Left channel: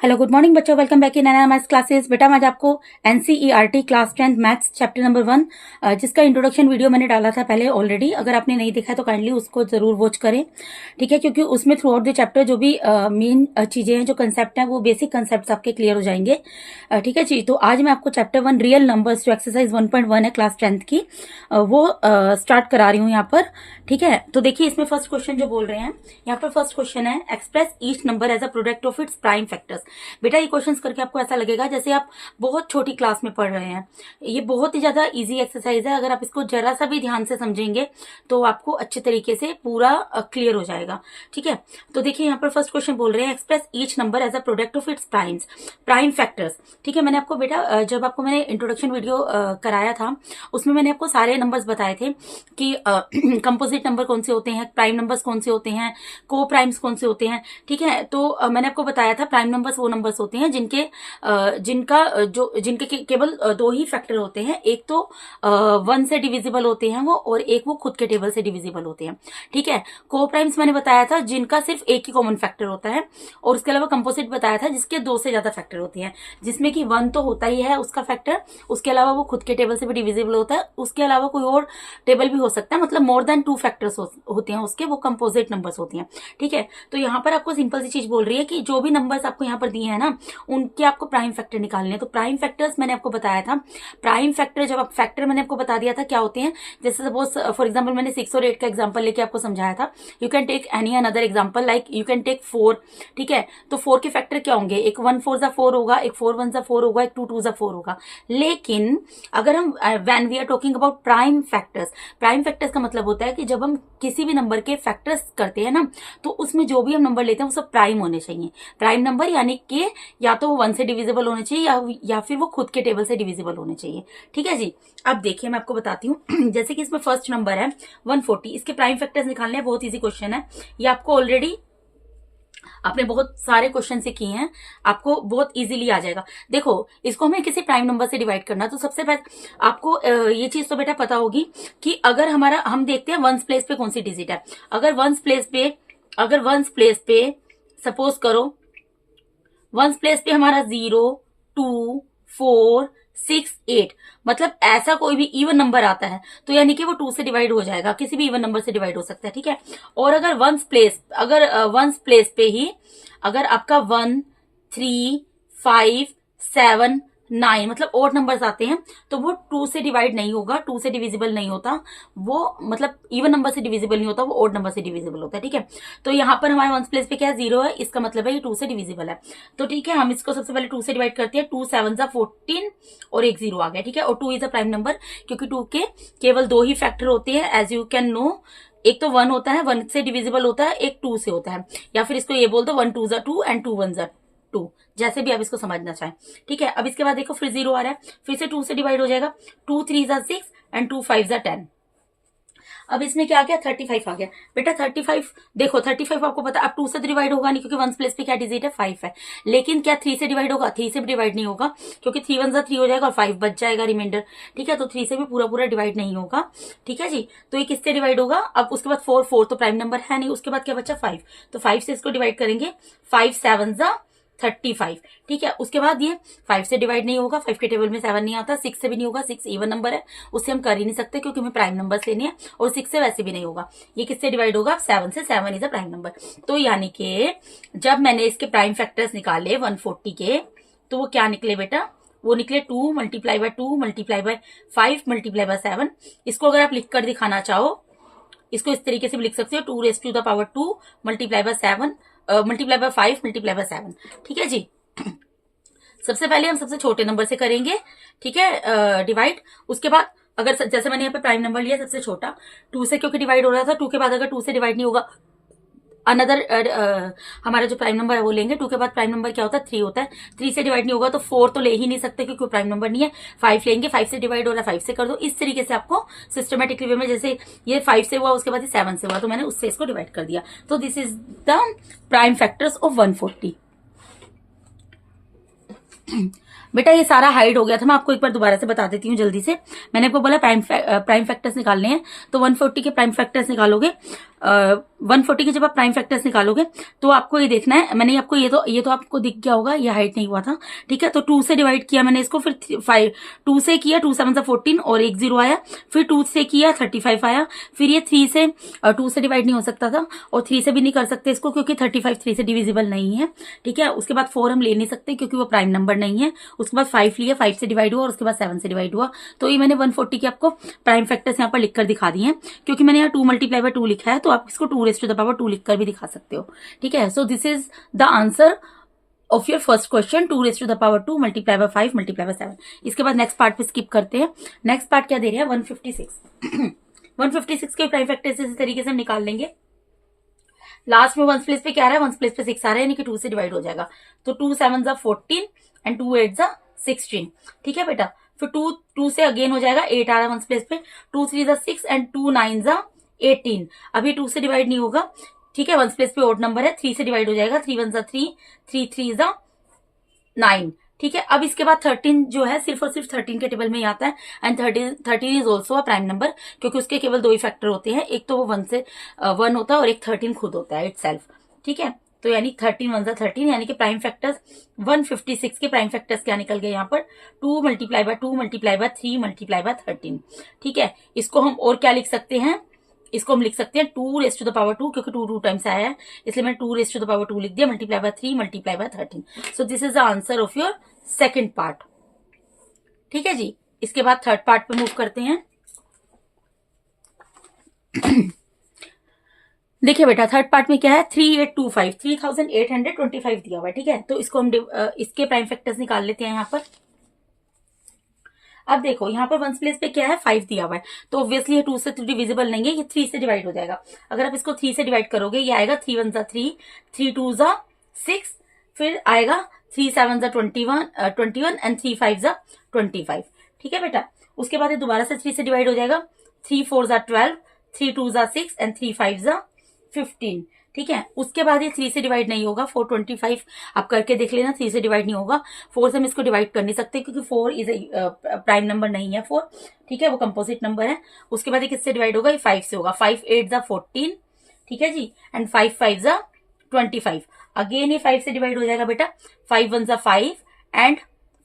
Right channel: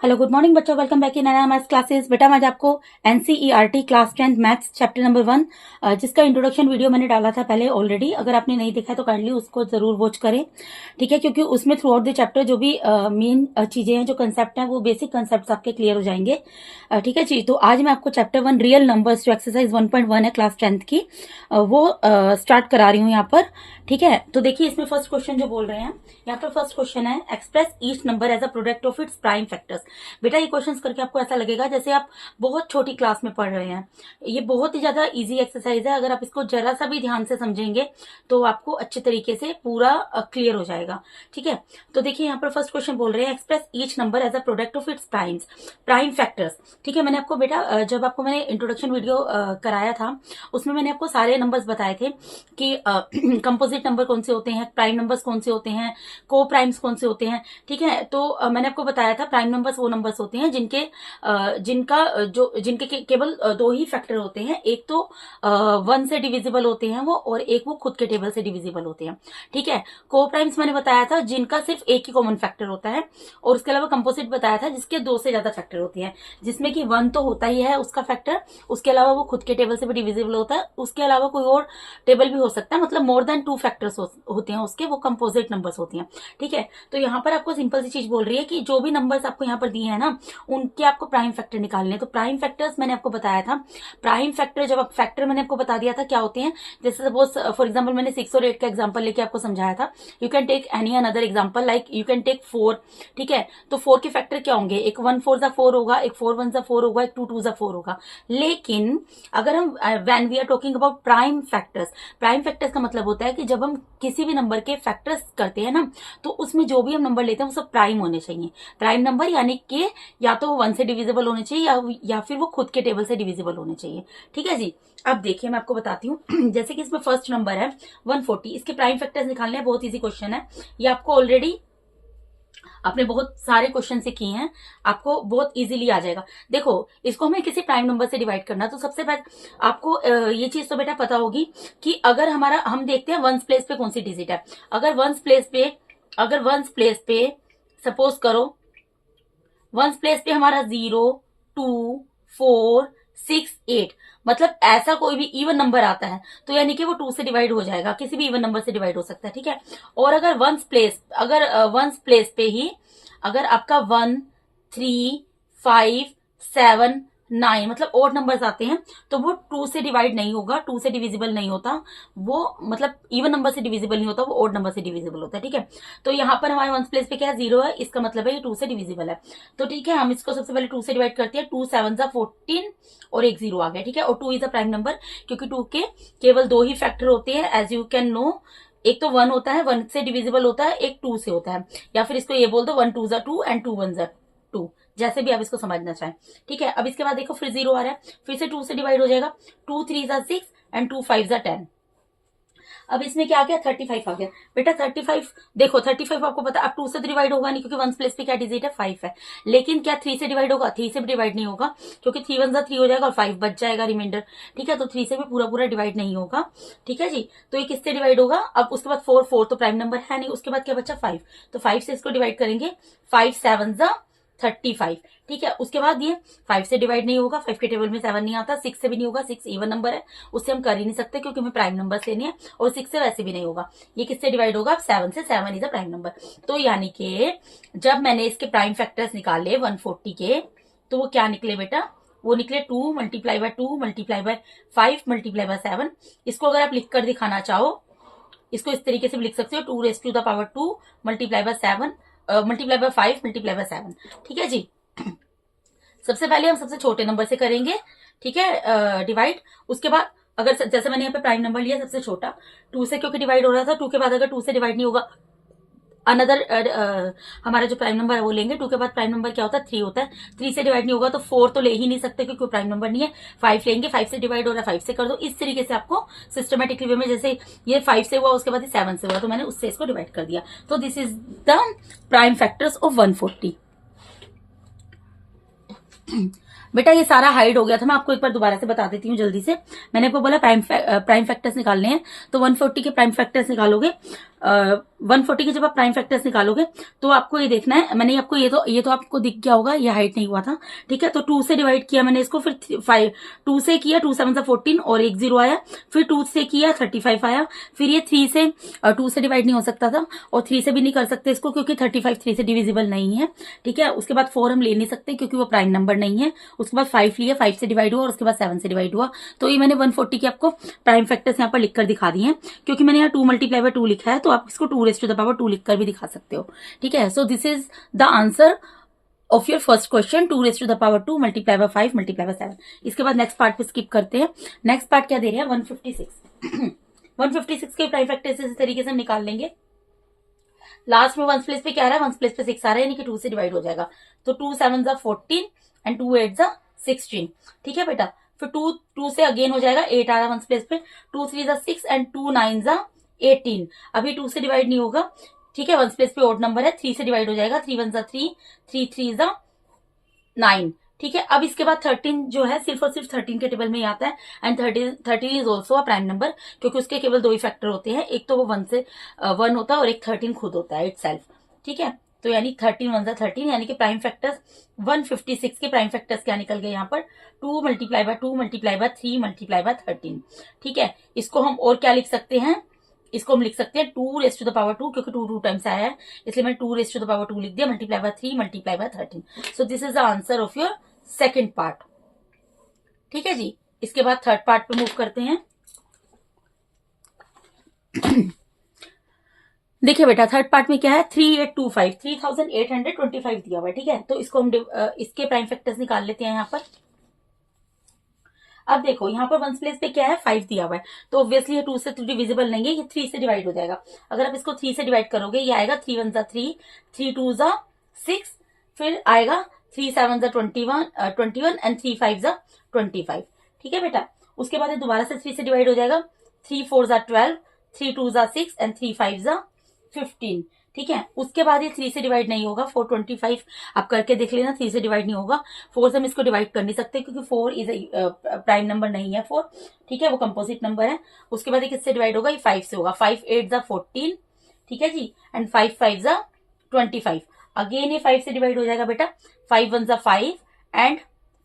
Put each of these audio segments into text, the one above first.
Hello good morning बच्चों, welcome back in नया maths classes. बेटा मैं आज आपको NCERT class 10 maths chapter number 1 जिसका इंट्रोडक्शन वीडियो मैंने डाला था पहले ऑलरेडी। अगर आपने नहीं देखा तो काइंडली उसको जरूर वॉच करें, ठीक है, क्योंकि उसमें थ्रू आउट द चैप्टर जो भी मेन चीजें हैं, जो कंसेप्ट हैं, वो बेसिक कंसेप्ट आपके क्लियर हो जाएंगे। ठीक है जी। तो आज मैं आपको चैप्टर 1 रियल नंबर्स जो एक्सरसाइज 1.1 है क्लास 10th की, वो स्टार्ट करा रही हूँ यहाँ पर। ठीक है, तो देखिए इसमें फर्स्ट क्वेश्चन जो बोल रहे हैं, यहाँ पर फर्स्ट क्वेश्चन है express each number as a product of its prime factors. बेटा ये क्वेश्चंस करके आपको ऐसा लगेगा जैसे आप बहुत छोटी क्लास में पढ़ रहे हैं। ये बहुत ही ज्यादा इजी एक्सरसाइज है। अगर आप इसको जरा सा भी ध्यान से समझेंगे तो आपको अच्छे तरीके से पूरा क्लियर हो जाएगा। ठीक है, तो देखिए यहाँ पर फर्स्ट क्वेश्चन बोल रहे हैं express each number as a product of its prime factors. ठीक है, मैंने आपको बेटा जब आपको मैंने इंट्रोडक्शन वीडियो कराया था उसमें मैंने आपको सारे नंबर्स बताए थे कि कंपोजिट नंबर कौन से होते हैं, प्राइम नंबर्स कौन से होते हैं, को प्राइम्स कौन से होते हैं। ठीक है, तो मैंने आपको बताया था प्राइम नंबर्स वो नंबर्स होते हैं जिनके केवल दो ही फैक्टर होते हैं। एक तो 1 से डिविजिबल होते हैं वो, और एक वो खुद के टेबल से डिविजिबल होते हैं। ठीक है, को प्राइम्स मैंने बताया था जिनका सिर्फ एक ही कॉमन फैक्टर होता है, और उसके अलावा कंपोजिट बताया था जिसके 2 से ज्यादा फैक्टर होते हैं, जिसमें कि 1 तो होता ही है उसका फैक्टर, उसके अलावा वो खुद के टेबल से भी डिविजिबल होता है, उसके अलावा कोई और टेबल भी हो सकता है, मतलब मोर देन 2 फैक्टर्स होते हैं उसके, वो कंपोजिट नंबर्स होते हैं। ठीक है, तो यहाँ पर आपको सिंपल सी चीज बोल रही है कि जो भी नंबर्स आपको यहाँ पर दिए हैं ना, उनके आपको प्राइम फैक्टर निकालने हैं। तो प्राइम फैक्टर्स मैंने आपको बताया था, प्राइम फैक्टर जब आप फैक्टर मैंने आपको बता दिया था क्या होते हैं। जैसे सपोज फॉर एग्जांपल मैंने 6 और 8 का एग्जांपल लेके आपको समझाया था। You can take any another example, like you can take 4। ठीक है, तो 4 के फैक्टर क्या होंगे, एक 1 4 ज़ा 4 होगा, एक 4 1 ज़ा 4 होगा, एक 2 2 ज़ा 4 होगा। लेकिन अगर हम when we are talking about prime factors, prime factors का मतलब होता है कि जब हम किसी भी नंबर के फैक्टर्स करते हैं ना, तो उसमें जो भी हम नंबर लेते हैं वो सब प्राइम होने चाहिए। प्राइम नंबर यानी कि या तो वो 1 से डिविजिबल होने चाहिए या फिर वो खुद के टेबल से डिविजिबल होने चाहिए। ठीक है जी। अब देखिए मैं आपको बताती हूँ जैसे कि इसमें फर्स्ट नंबर है 140, इसके प्राइम फैक्टर्स निकालने हैं। बहुत इजी क्वेश्चन है ये, आपको ऑलरेडी आपने बहुत सारे क्वेश्चन से किए हैं, आपको बहुत इजीली आ जाएगा। देखो इसको हमें किसी प्राइम नंबर से डिवाइड करना है, तो सबसे पहले आपको ये चीज तो बेटा पता होगी कि अगर हमारा हम देखते हैं वंस प्लेस पे कौन सी डिजिट है। अगर वंस प्लेस पे सपोज करो वंस प्लेस पे हमारा 0 2 4 6 8, मतलब ऐसा कोई भी इवन नंबर आता है तो यानी कि वो 2 से डिवाइड हो जाएगा, किसी भी इवन नंबर से डिवाइड हो सकता है। ठीक है, और अगर वंस प्लेस पे ही अगर आपका 1 3 5 7 9 मतलब ओड नंबर्स आते हैं तो वो 2 से डिवाइड नहीं होगा, 2 से डिविजिबल नहीं होता वो, मतलब इवन नंबर से डिविजिबल नहीं होता, वो ओड नंबर से डिविजिबल होता है। ठीक है, तो यहाँ पर हमारे वंस प्लेस पे क्या है, 0 है, इसका मतलब है ये 2 से डिविजिबल है। तो ठीक है, हम इसको सबसे पहले 2 से डिवाइड करते हैं। 2 7 ज़ा 14 और एक 0 आ गया। ठीक है, और 2 इज अ प्राइम नंबर क्योंकि 2 के केवल 2 ही फैक्टर होते हैं, एज यू कैन नो। एक तो 1 होता है, 1 से डिविजिबल होता है, एक 2 से होता है, या फिर इसको ये बोल दो 1 2 ज़ा 2 एंड 2 1 ज़ा 2, जैसे भी आप इसको समझना चाहें। ठीक है, अब इसके बाद देखो फिर 0 आ रहा है, फिर से 2 से डिवाइड हो जाएगा। 2 3 ज़ा 6 एंड 2 5 ज़ा 10। अब इसमें क्या आ गया, 35 आ गया। बेटा 35 देखो, 35 आपको पता अब 2 से डिवाइड होगा नहीं क्योंकि 1 प्लेस पे क्या डिजिट है, 5 है। लेकिन क्या 3 से डिवाइड होगा, 3 से भी डिवाइड नहीं होगा क्योंकि 3 1 ज़ा 3 हो जाएगा और 5 बच जाएगा रिमाइंडर। ठीक है, तो 3 से भी पूरा पूरा डिवाइड नहीं होगा। ठीक है जी, तो ये किससे डिवाइड होगा, अब उसके बाद 4 तो प्राइम नंबर है नहीं, उसके बाद क्या बचा 5, तो 5 से इसको डिवाइड करेंगे। 5 7 ज़ा 35। ठीक है, उसके बाद ये 5 से डिवाइड नहीं होगा, 5 के टेबल में 7 नहीं आता, 6 से भी नहीं होगा, 6 इवन नंबर है, उससे हम कर ही नहीं सकते क्योंकि हमें प्राइम नंबर लेने हैं, और 6 से वैसे भी नहीं होगा। ये किससे डिवाइड होगा, 7 से, 7 इज अ प्राइम नंबर। तो यानी कि जब मैंने इसके प्राइम फैक्टर्स निकाले 140 के, तो वो क्या निकले बेटा, वो निकले 2 multiply bye 2 multiply by 5 multiply by 7। इसको अगर आप लिख कर दिखाना चाहो, इसको इस तरीके से भी लिख सकते हो, 2 raise to the power 2 multiply by 7 multiply by 5 multiply by 7। ठीक है जी। सबसे पहले हम सबसे छोटे नंबर से करेंगे, ठीक है, डिवाइड। उसके बाद अगर जैसे मैंने यहाँ पे प्राइम नंबर लिया सबसे छोटा, 2 से क्योंकि डिवाइड हो रहा था, 2 के बाद अगर 2 से डिवाइड नहीं होगा, अनदर हमारा जो प्राइम नंबर है वो लेंगे। 2 के बाद प्राइम नंबर क्या होता है, 3 होता है। 3 से डिवाइड नहीं होगा तो 4 तो ले ही नहीं सकते क्योंकि प्राइम नंबर नहीं है। 5 लेंगे, 5 से डिवाइड हो रहा है, 5 से कर दो। इस तरीके से आपको सिस्टमेटिकली वे में, जैसे ये 5 से हुआ उसके बाद 7 से हुआ तो मैंने उससे इसको डिवाइड कर दिया। तो this is the prime factors of 140। बेटा ये सारा हाइड हो गया था, मैं आपको एक बार दोबारा से बता देती हूँ जल्दी से। मैंने आपको बोला प्राइम फैक्टर्स निकालने हैं, तो 140 के प्राइम फैक्टर्स निकालोगे। 140 के जब आप प्राइम फैक्टर्स निकालोगे तो आपको ये देखना है, मैंने आपको ये तो आपको दिख गया होगा, ये हाइट नहीं हुआ था, ठीक है। तो 2 से डिवाइड किया मैंने इसको, फिर 5 2 से किया, 2 7 14 और एक 0 आया, फिर 2 से किया 35 आया, फिर ये 3 से 2 से डिवाइड नहीं हो सकता था और 3 से भी नहीं कर सकते इसको क्योंकि 35 3 से डिविजिबल नहीं है, ठीक है। उसके बाद 4 हम ले नहीं सकते क्योंकि वो प्राइम नंबर नहीं है। उसके बाद 5 लिया, 5 से डिवाइड हुआ और उसके बाद 7 से डिवाइड हुआ। तो ये मैंने 140 के आपको प्राइम फैक्टर्स यहाँ पर लिखकर दिखा दिए हैं, क्योंकि मैंने यहाँ 2 × 2 लिखा है तो आप इसको 2⁻² लिखकर भी दिखा सकते हो, ठीक है। So this is the answer of your first question, 2⁻² × 5 × 7। इसके बाद नेक्स्ट पार्ट पे स्किप करते हैं। नेक्स्ट पार्ट क्या दे रहे हैं, 156 156 के प्राइम फैक्टर्स इस तरीके से हम निकाल लेंगे। लास्ट में 1s प्लेस पे क्या आ रहा है, 1s प्लेस पे 6 आ रहा है, यानी कि 2 से डिवाइड हो जाएगा। तो 2 7 14 एंड 2 8 16, ठीक है बेटा। फिर 2 से अगेन हो जाएगा, 8 आ रहा है 1s प्लेस पे, 2 3 6 एंड 2 9 18। अभी 2 से डिवाइड नहीं होगा, ठीक है, 1s प्लेस पे ओड नंबर है, 3 से डिवाइड हो जाएगा, 3 1 3 3 3 9, ठीक है। अब इसके बाद 13 जो है सिर्फ और सिर्फ 13 के टेबल में ही आता है and 13 is also a prime number, क्योंकि उसके केवल 2 ही फैक्टर होते हैं, एक तो वो 1 होता है और एक 13 खुद होता है इटसेल्फ, ठीक है। तो यानी 13 1 13, यानी कि प्राइम फैक्टर्स 156 के प्राइम फैक्टर्स क्या निकल गए यहाँ पर, 2 × 2 × 3 × 13, ठीक है। इसको हम और क्या लिख सकते हैं, इसको हम लिख सकते हैं 2⁻², क्योंकि 2 टाइम्स आया है इसलिए मैंने 2⁻² लिख दिया, × 3 × 13। सो this is the answer of your second part, ठीक है जी। इसके बाद थर्ड पार्ट पे मूव करते हैं। देखिए बेटा, थर्ड पार्ट में क्या है, 3825 3825 दिया हुआ है, ठीक है। तो इसको हम इसके प्राइम फैक्टर्स निकाल लेते हैं यहाँ पर। अब देखो यहाँ पर 1s प्लेस पे क्या है, 5 दिया हुआ है, तो ऑब्वियसली ये 2 से डिविजिबल नहीं है, ये 3 से डिवाइड हो जाएगा। अगर आप इसको 3 से डिवाइड करोगे, ये आएगा 3 1 3 3 2 6, फिर आएगा 3 7 21 एंड 3 5 25, ठीक है बेटा। उसके बाद ये दोबारा से 3 से डिवाइड हो जाएगा, 3 4 12 3 2 6 एंड 3 5 15, ठीक है। उसके बाद ये 3 से डिवाइड नहीं होगा, 425 आप करके देख लेना, 3 से डिवाइड नहीं होगा। 4 से हम इसको डिवाइड कर नहीं सकते क्योंकि 4 इज प्राइम नंबर नहीं है 4, ठीक है, वो कंपोजिट नंबर है। उसके बाद ये किससे डिवाइड होगा, ये 5 से होगा, 5 8 14, ठीक है जी, एंड 5 5 25। अगेन ये 5 से डिवाइड हो जाएगा बेटा, 5 1 5 एंड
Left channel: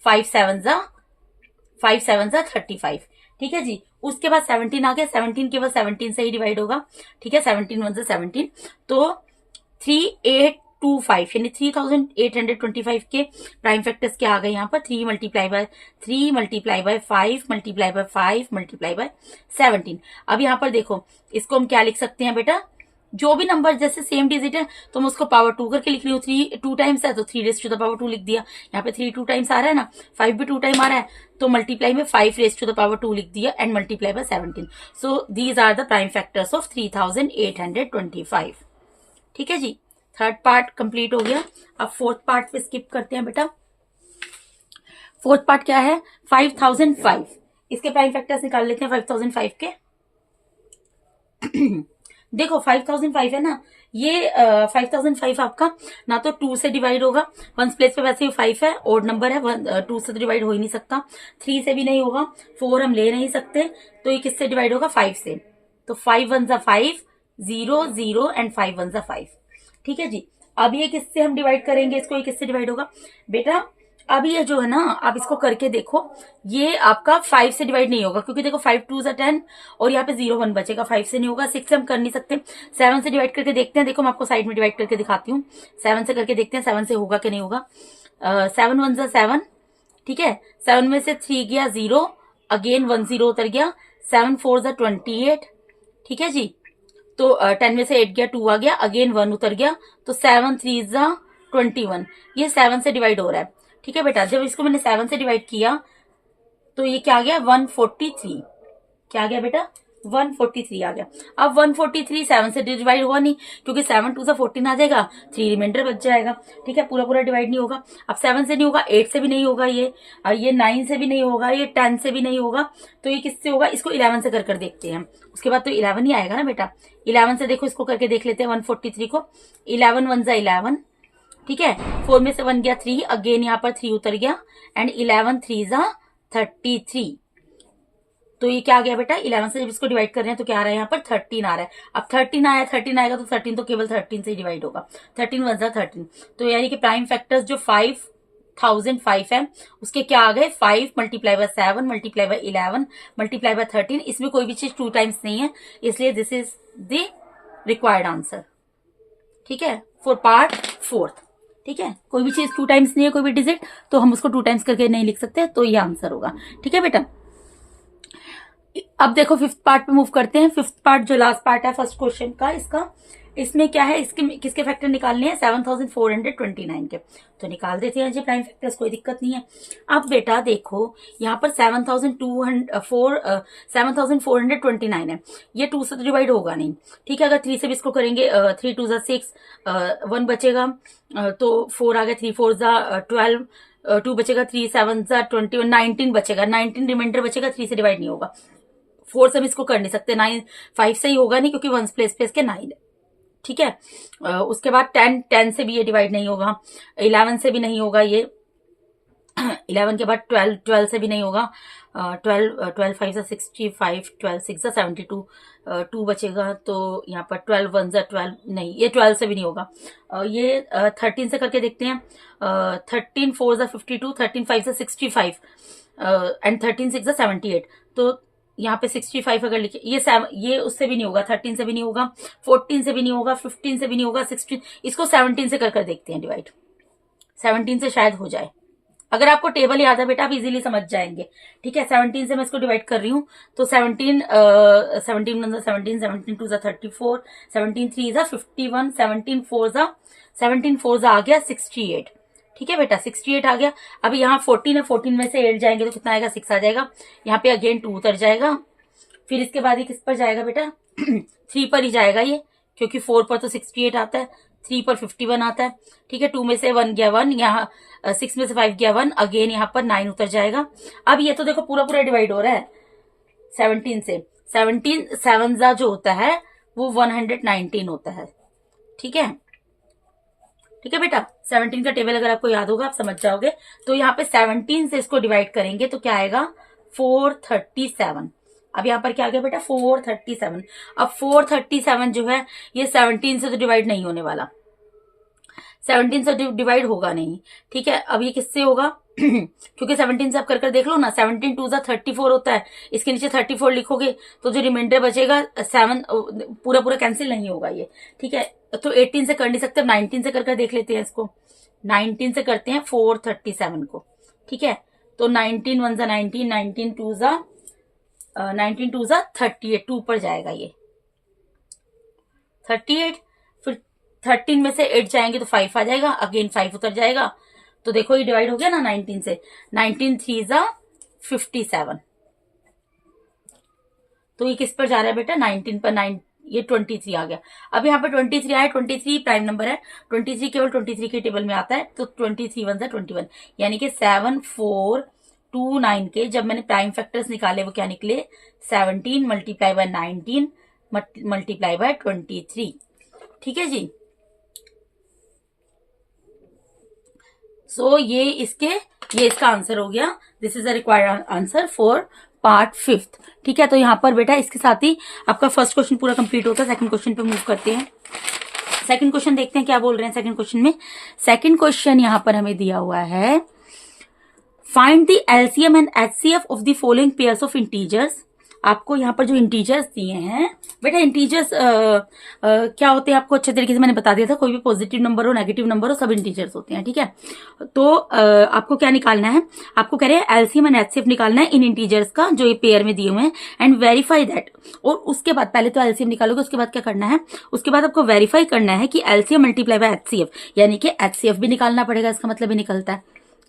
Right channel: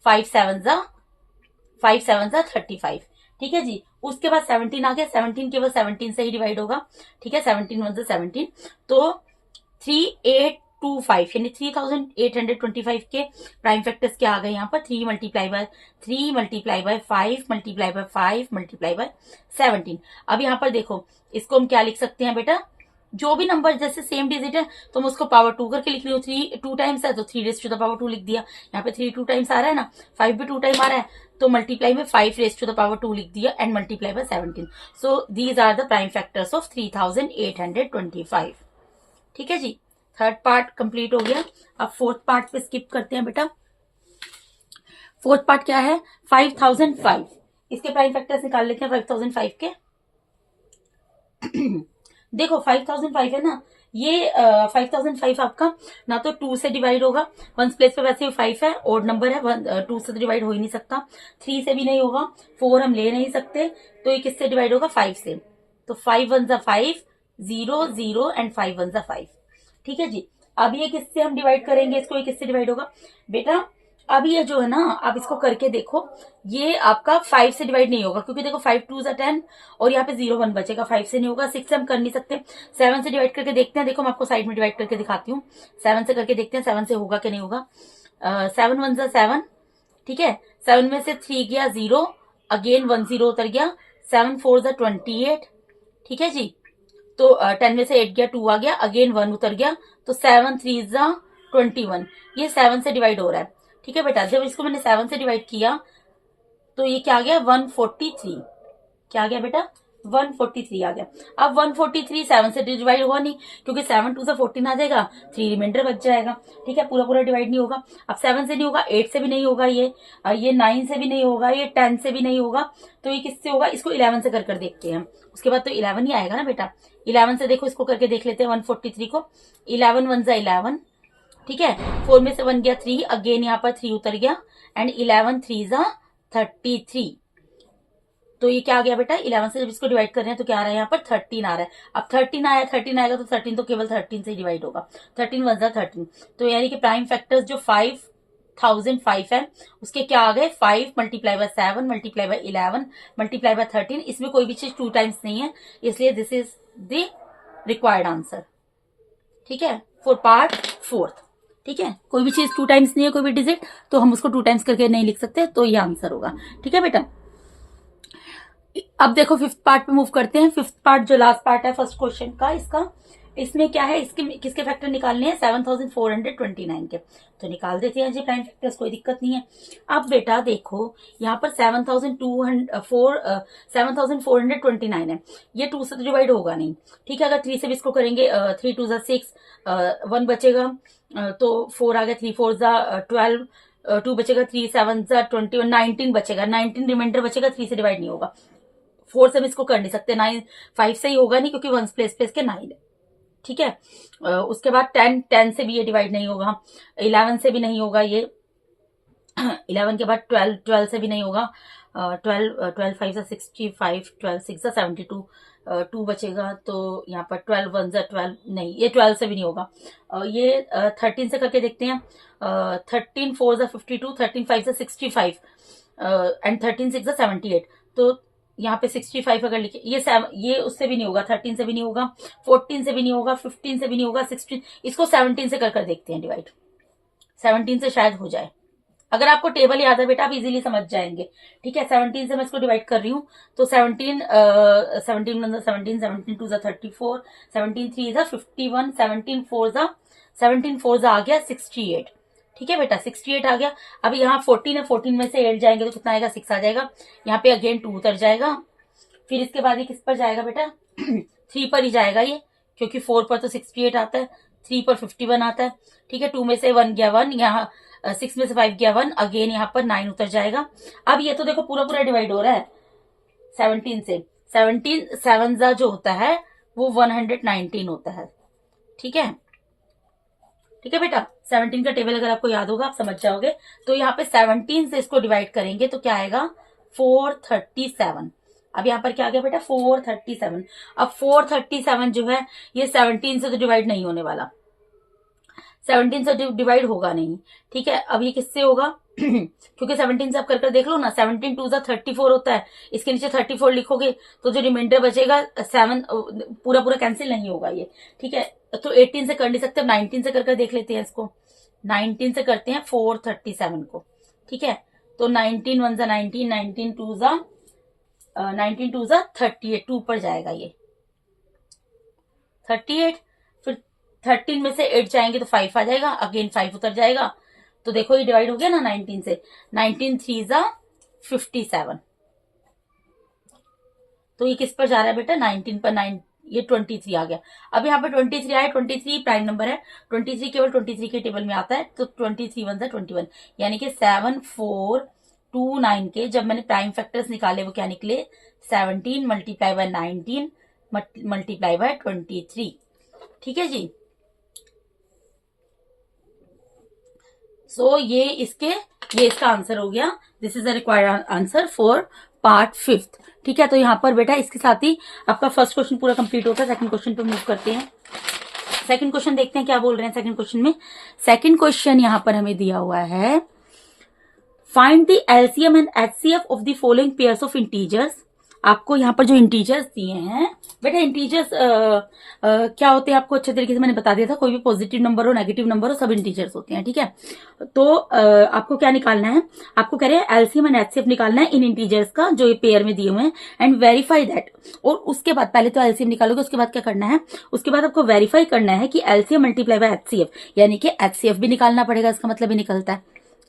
5 7 35, ठीक है जी। उसके बाद 17 आ गया, 17 केवल 17 से ही डिवाइड होगा, ठीक है, 17 1 17, तो 3825 यानी 3825 के प्राइम फैक्टर्स क्या आ गए यहाँ पर, 3 × 3 × 5 × 5 × 17। अब यहाँ पर देखो, इसको हम क्या लिख सकते हैं बेटा, जो भी नंबर जैसे सेम डिजिट है तो मैं उसको पावर 2 करके लिख रही हूँ, 3 2 टाइम्स है तो 3⁻² लिख दिया। यहाँ पे 3 2 टाइम्स आ रहा है ना, 5 भी 2 टाइम आ रहा है, तो मल्टीप्लाई में 5⁻² लिख दिया and multiply by 17। So these are the prime factors of 3825, ठीक है जी। थर्ड पार्ट कंप्लीट हो गया। अब फोर्थ पार्ट पे स्किप करते हैं बेटा। फोर्थ पार्ट क्या है, 5005। इसके प्राइम फैक्टर्स निकाल लेते हैं 5005 के। देखो 5005 है ना, ये 5005 आपका ना तो 2 से डिवाइड होगा, 1s प्लेस पे वैसे ही 5 है, ओड नंबर है, 2 से तो डिवाइड हो ही नहीं सकता, 3 से भी नहीं होगा, 4 हम ले नहीं सकते, तो ये किससे डिवाइड होगा, 5 से। तो 5 1 5 0 0 एंड 5 1 5, ठीक है जी। अब ये किससे हम डिवाइड करेंगे इसको, ये किससे डिवाइड होगा बेटा, अब ये जो है ना, आप इसको करके देखो, ये आपका 5 से डिवाइड नहीं होगा, क्योंकि देखो 5 2 10 और यहाँ पे 0 1 बचेगा, 5 से नहीं होगा, 6 से हम कर नहीं सकते, 7 से डिवाइड करके देखते हैं। देखो मैं आपको साइड में डिवाइड करके दिखाती हूँ, 7 से करके देखते हैं 7 से होगा कि नहीं होगा। 7 1 7, ठीक है, 7 में से 3 गया 0, अगेन 1 0 उतर गया, 7 4 28, ठीक है जी। तो 10 में से 8 गया, 2 आ गया, अगेन 1 उतर गया, तो 7 3 21, ये 7 से डिवाइड हो रहा है, ठीक है बेटा। जब इसको मैंने 7 से डिवाइड किया तो ये क्या आ गया, 143, क्या आ गया बेटा, 143 आ गया। अब 143 7 से डिवाइड हुआ नहीं, क्योंकि 7 2 14 आ जाएगा, 3 रिमाइंडर बच जाएगा, ठीक है, पूरा पूरा डिवाइड नहीं होगा। अब 7 से नहीं होगा, 8 से भी नहीं होगा, ये 9 से भी नहीं होगा, ये 10 से भी नहीं होगा, तो ये किससे होगा, इसको 11 से कर देखते हैं। उसके बाद तो 11 ही आएगा ना बेटा, 11 से देखो, इसको करके देख लेते हैं 143 को, 11 1 11, ठीक है, 4 में से 1 गया 3, अगेन यहाँ पर 3 उतर गया, एंड 11 3 33, तो ये क्या आ गया बेटा, 11 से जब इसको डिवाइड कर रहे हैं तो क्या आ रहा है यहाँ पर 13 आ रहा है। अब 13 आया, 13 आएगा तो 13 तो केवल 13 से डिवाइड होगा, 13 वन जा 13। तो यानी कि प्राइम फैक्टर्स जो 5005 है उसके क्या आ गए, 5 multiply by 7 multiply bye 11 multiply by 13। इसमें कोई भी चीज 2 टाइम्स नहीं है, इसलिए this is the required answer. ठीक है, फॉर पार्ट 4। ठीक है, कोई भी चीज 2 टाइम्स नहीं है, कोई भी डिजिट, तो हम उसको 2 टाइम्स करके नहीं लिख सकते, तो ये आंसर होगा। ठीक है बेटा, अब देखो 5th पार्ट पे मूव करते हैं। 5th पार्ट जो लास्ट पार्ट है फर्स्ट क्वेश्चन का, इसमें क्या है, इसके किसके फैक्टर निकालने हैं, 7429 के, तो निकाल देते हैं जी प्राइम फैक्टर्स, कोई दिक्कत नहीं है। अब बेटा देखो यहाँ पर 7429 है, ये 2 से तो डिवाइड होगा नहीं। ठीक है, अगर 3 से भी इसको करेंगे, 3 2 जा 6, 1 बचेगा, तो 4 आ गया, 3 4 जा 12, 2 बचेगा, 3 7 जा 21, 19 बचेगा, 19 रिमाइंडर बचेगा, 3 से डिवाइड नहीं होगा। 4 से हम इसको कर नहीं सकते, 9 5 से ही होगा नहीं, क्योंकि 1 प्लेस के 9 है। ठीक है, उसके बाद 10 से भी ये डिवाइड नहीं होगा, 11 से भी नहीं होगा ये, 11 के बाद 12 से भी नहीं होगा, 12 5 से 65, 12 6 से 72, 2 बचेगा, तो यहाँ पर 12 1 से 12 नहीं, ये 12 से भी नहीं होगा। ये 13 से करके देखते हैं, 13 4 से 52, 13 5 से 65 एंड 13 6 से 78, तो यहाँ पे 65 अगर लिखे, ये उससे भी नहीं होगा, 13 से भी नहीं होगा, 14 से भी नहीं होगा, 15 से भी नहीं होगा, 16, इसको 17 से कर देखते हैं डिवाइड, 17 से शायद हो जाए। अगर आपको टेबल याद है बेटा आप इजीली समझ जाएंगे। ठीक है, 17 से मैं इसको डिवाइड कर रही हूँ, तो 17 17 1 17, 17 2 34, 17 3 51, 17 4 आ गया 68। ठीक है बेटा, 68 आ गया। अब यहाँ 14 है, 14 में से 8 जाएंगे तो कितना आएगा, 6 आ जाएगा। यहाँ पे अगेन 2 उतर जाएगा, फिर इसके बाद ये किस पर जाएगा बेटा 3 पर ही जाएगा ये, क्योंकि 4 पर तो 68 आता है, 3 पर 51 आता है। ठीक है, 2 में से 1 गया 1, यहाँ 6 में से 5 गया 1, अगेन यहाँ पर 9 उतर जाएगा। अब ये तो देखो पूरा पूरा डिवाइड हो रहा है 17 से, 17 7 जो होता है वो 119 होता है। ठीक है, ठीक है बेटा, 17 का टेबल अगर आपको याद होगा आप समझ जाओगे। तो यहाँ पे 17 से इसको डिवाइड करेंगे तो क्या आएगा 437। अब यहाँ पर क्या आ गया बेटा 437। अब 437 जो है ये 17 से तो डिवाइड नहीं होने वाला, 17 से डिवाइड होगा नहीं। ठीक है, अब ये किससे होगा क्योंकि 17 से आप कर देख लो ना, 17 2 34 होता है, इसके नीचे 34 लिखोगे तो जो रिमाइंडर बचेगा 7 पूरा पूरा कैंसिल नहीं होगा ये। ठीक है, तो 18 से कर नहीं सकते, 19 से कर देख लेते हैं इसको, 19 से करते हैं 437 को। ठीक है, तो 19 1 जा 19, 19 2 जा 38, 2 पर जाएगा ये 38, फिर 13 में से 8 जाएंगे तो 5 आ जाएगा, अगेन 5 उतर जाएगा, तो देखो ये डिवाइड हो गया ना 19 से, 19 3 जा 57, तो ये किस पर जा रहा है बेटा 19 पर, 9 ये 23 आ गया। अब यहाँ पर 23 आया, 23 प्राइम नंबर है, 23 केवल 23 के टेबल में आता है, तो 23 1 जा 21, यानी कि 7429 के जब मैंने प्राइम फैक्टर्स निकाले वो क्या निकले 17 मल्टीप्लाई बाय 19 मल्टीप्लाई बाय 23। ठीक है जी, सो ये इसका आंसर हो गया। This is a required answer for part 5th। ठीक है, तो यहाँ पर बेटा इसके साथ ही आपका फर्स्ट क्वेश्चन पूरा कंप्लीट होता है। सेकंड क्वेश्चन पे मूव करते हैं। सेकंड क्वेश्चन देखते हैं क्या बोल रहे हैं सेकंड क्वेश्चन में। सेकंड क्वेश्चन यहाँ पर हमें दिया हुआ है, find the LCM and HCF of the following pairs of integers. आपको यहाँ पर जो इंटीजर्स दिए हैं बेटा, इंटीजर्स क्या होते हैं आपको अच्छे तरीके से मैंने बता दिया था, कोई भी पॉजिटिव नंबर हो नेगेटिव नंबर हो सब इंटीजर्स होते हैं। ठीक है, तो आपको क्या निकालना है, आपको कह रहे हैं एलसीएम एंड एचसीएफ निकालना है इन इंटीजर्स का जो ये पेयर में दिए हुए हैं, एंड वेरीफाई दैट। और उसके बाद पहले तो एलसीएम निकालोगे, उसके बाद क्या करना है, उसके बाद आपको वेरीफाई करना है कि एलसीएम मल्टीप्लाई बाय एचसीएफ, यानी कि एचसीएफ भी निकालना पड़ेगा, इसका मतलब ही निकलता है।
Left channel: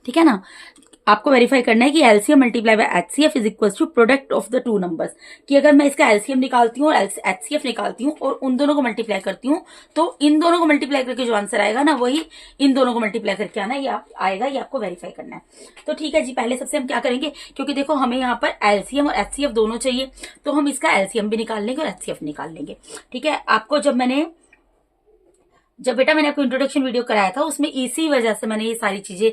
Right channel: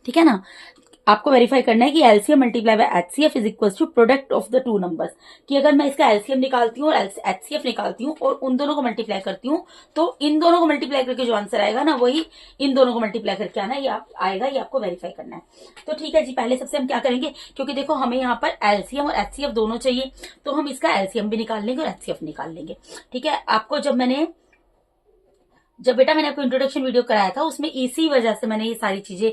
ठीक है ना, आपको वेरीफाई करना है कि LCM multiply by HCF is equal to product of the two numbers, कि अगर मैं इसका एलसीएम निकालती हूँ और एचसीएफ निकालती हूँ और उन दोनों को मल्टीप्लाई करती हूँ, तो इन दोनों को मल्टीप्लाई करके जो आंसर आएगा ना वही इन दोनों को मल्टीप्लाई करके आना ये आएगा, ये आपको वेरीफाई करना है। तो ठीक है जी, पहले सबसे हम क्या करेंगे, क्योंकि देखो हमें यहाँ पर एलसीएम और एचसीएफ दोनों चाहिए, तो हम इसका एलसीएम भी निकाल लेंगे और एचसीएफ निकाल लेंगे। ठीक है, आपको जब बेटा मैंने आपको इंट्रोडक्शन वीडियो कराया था उसमें इसी वजह से मैंने ये सारी चीजें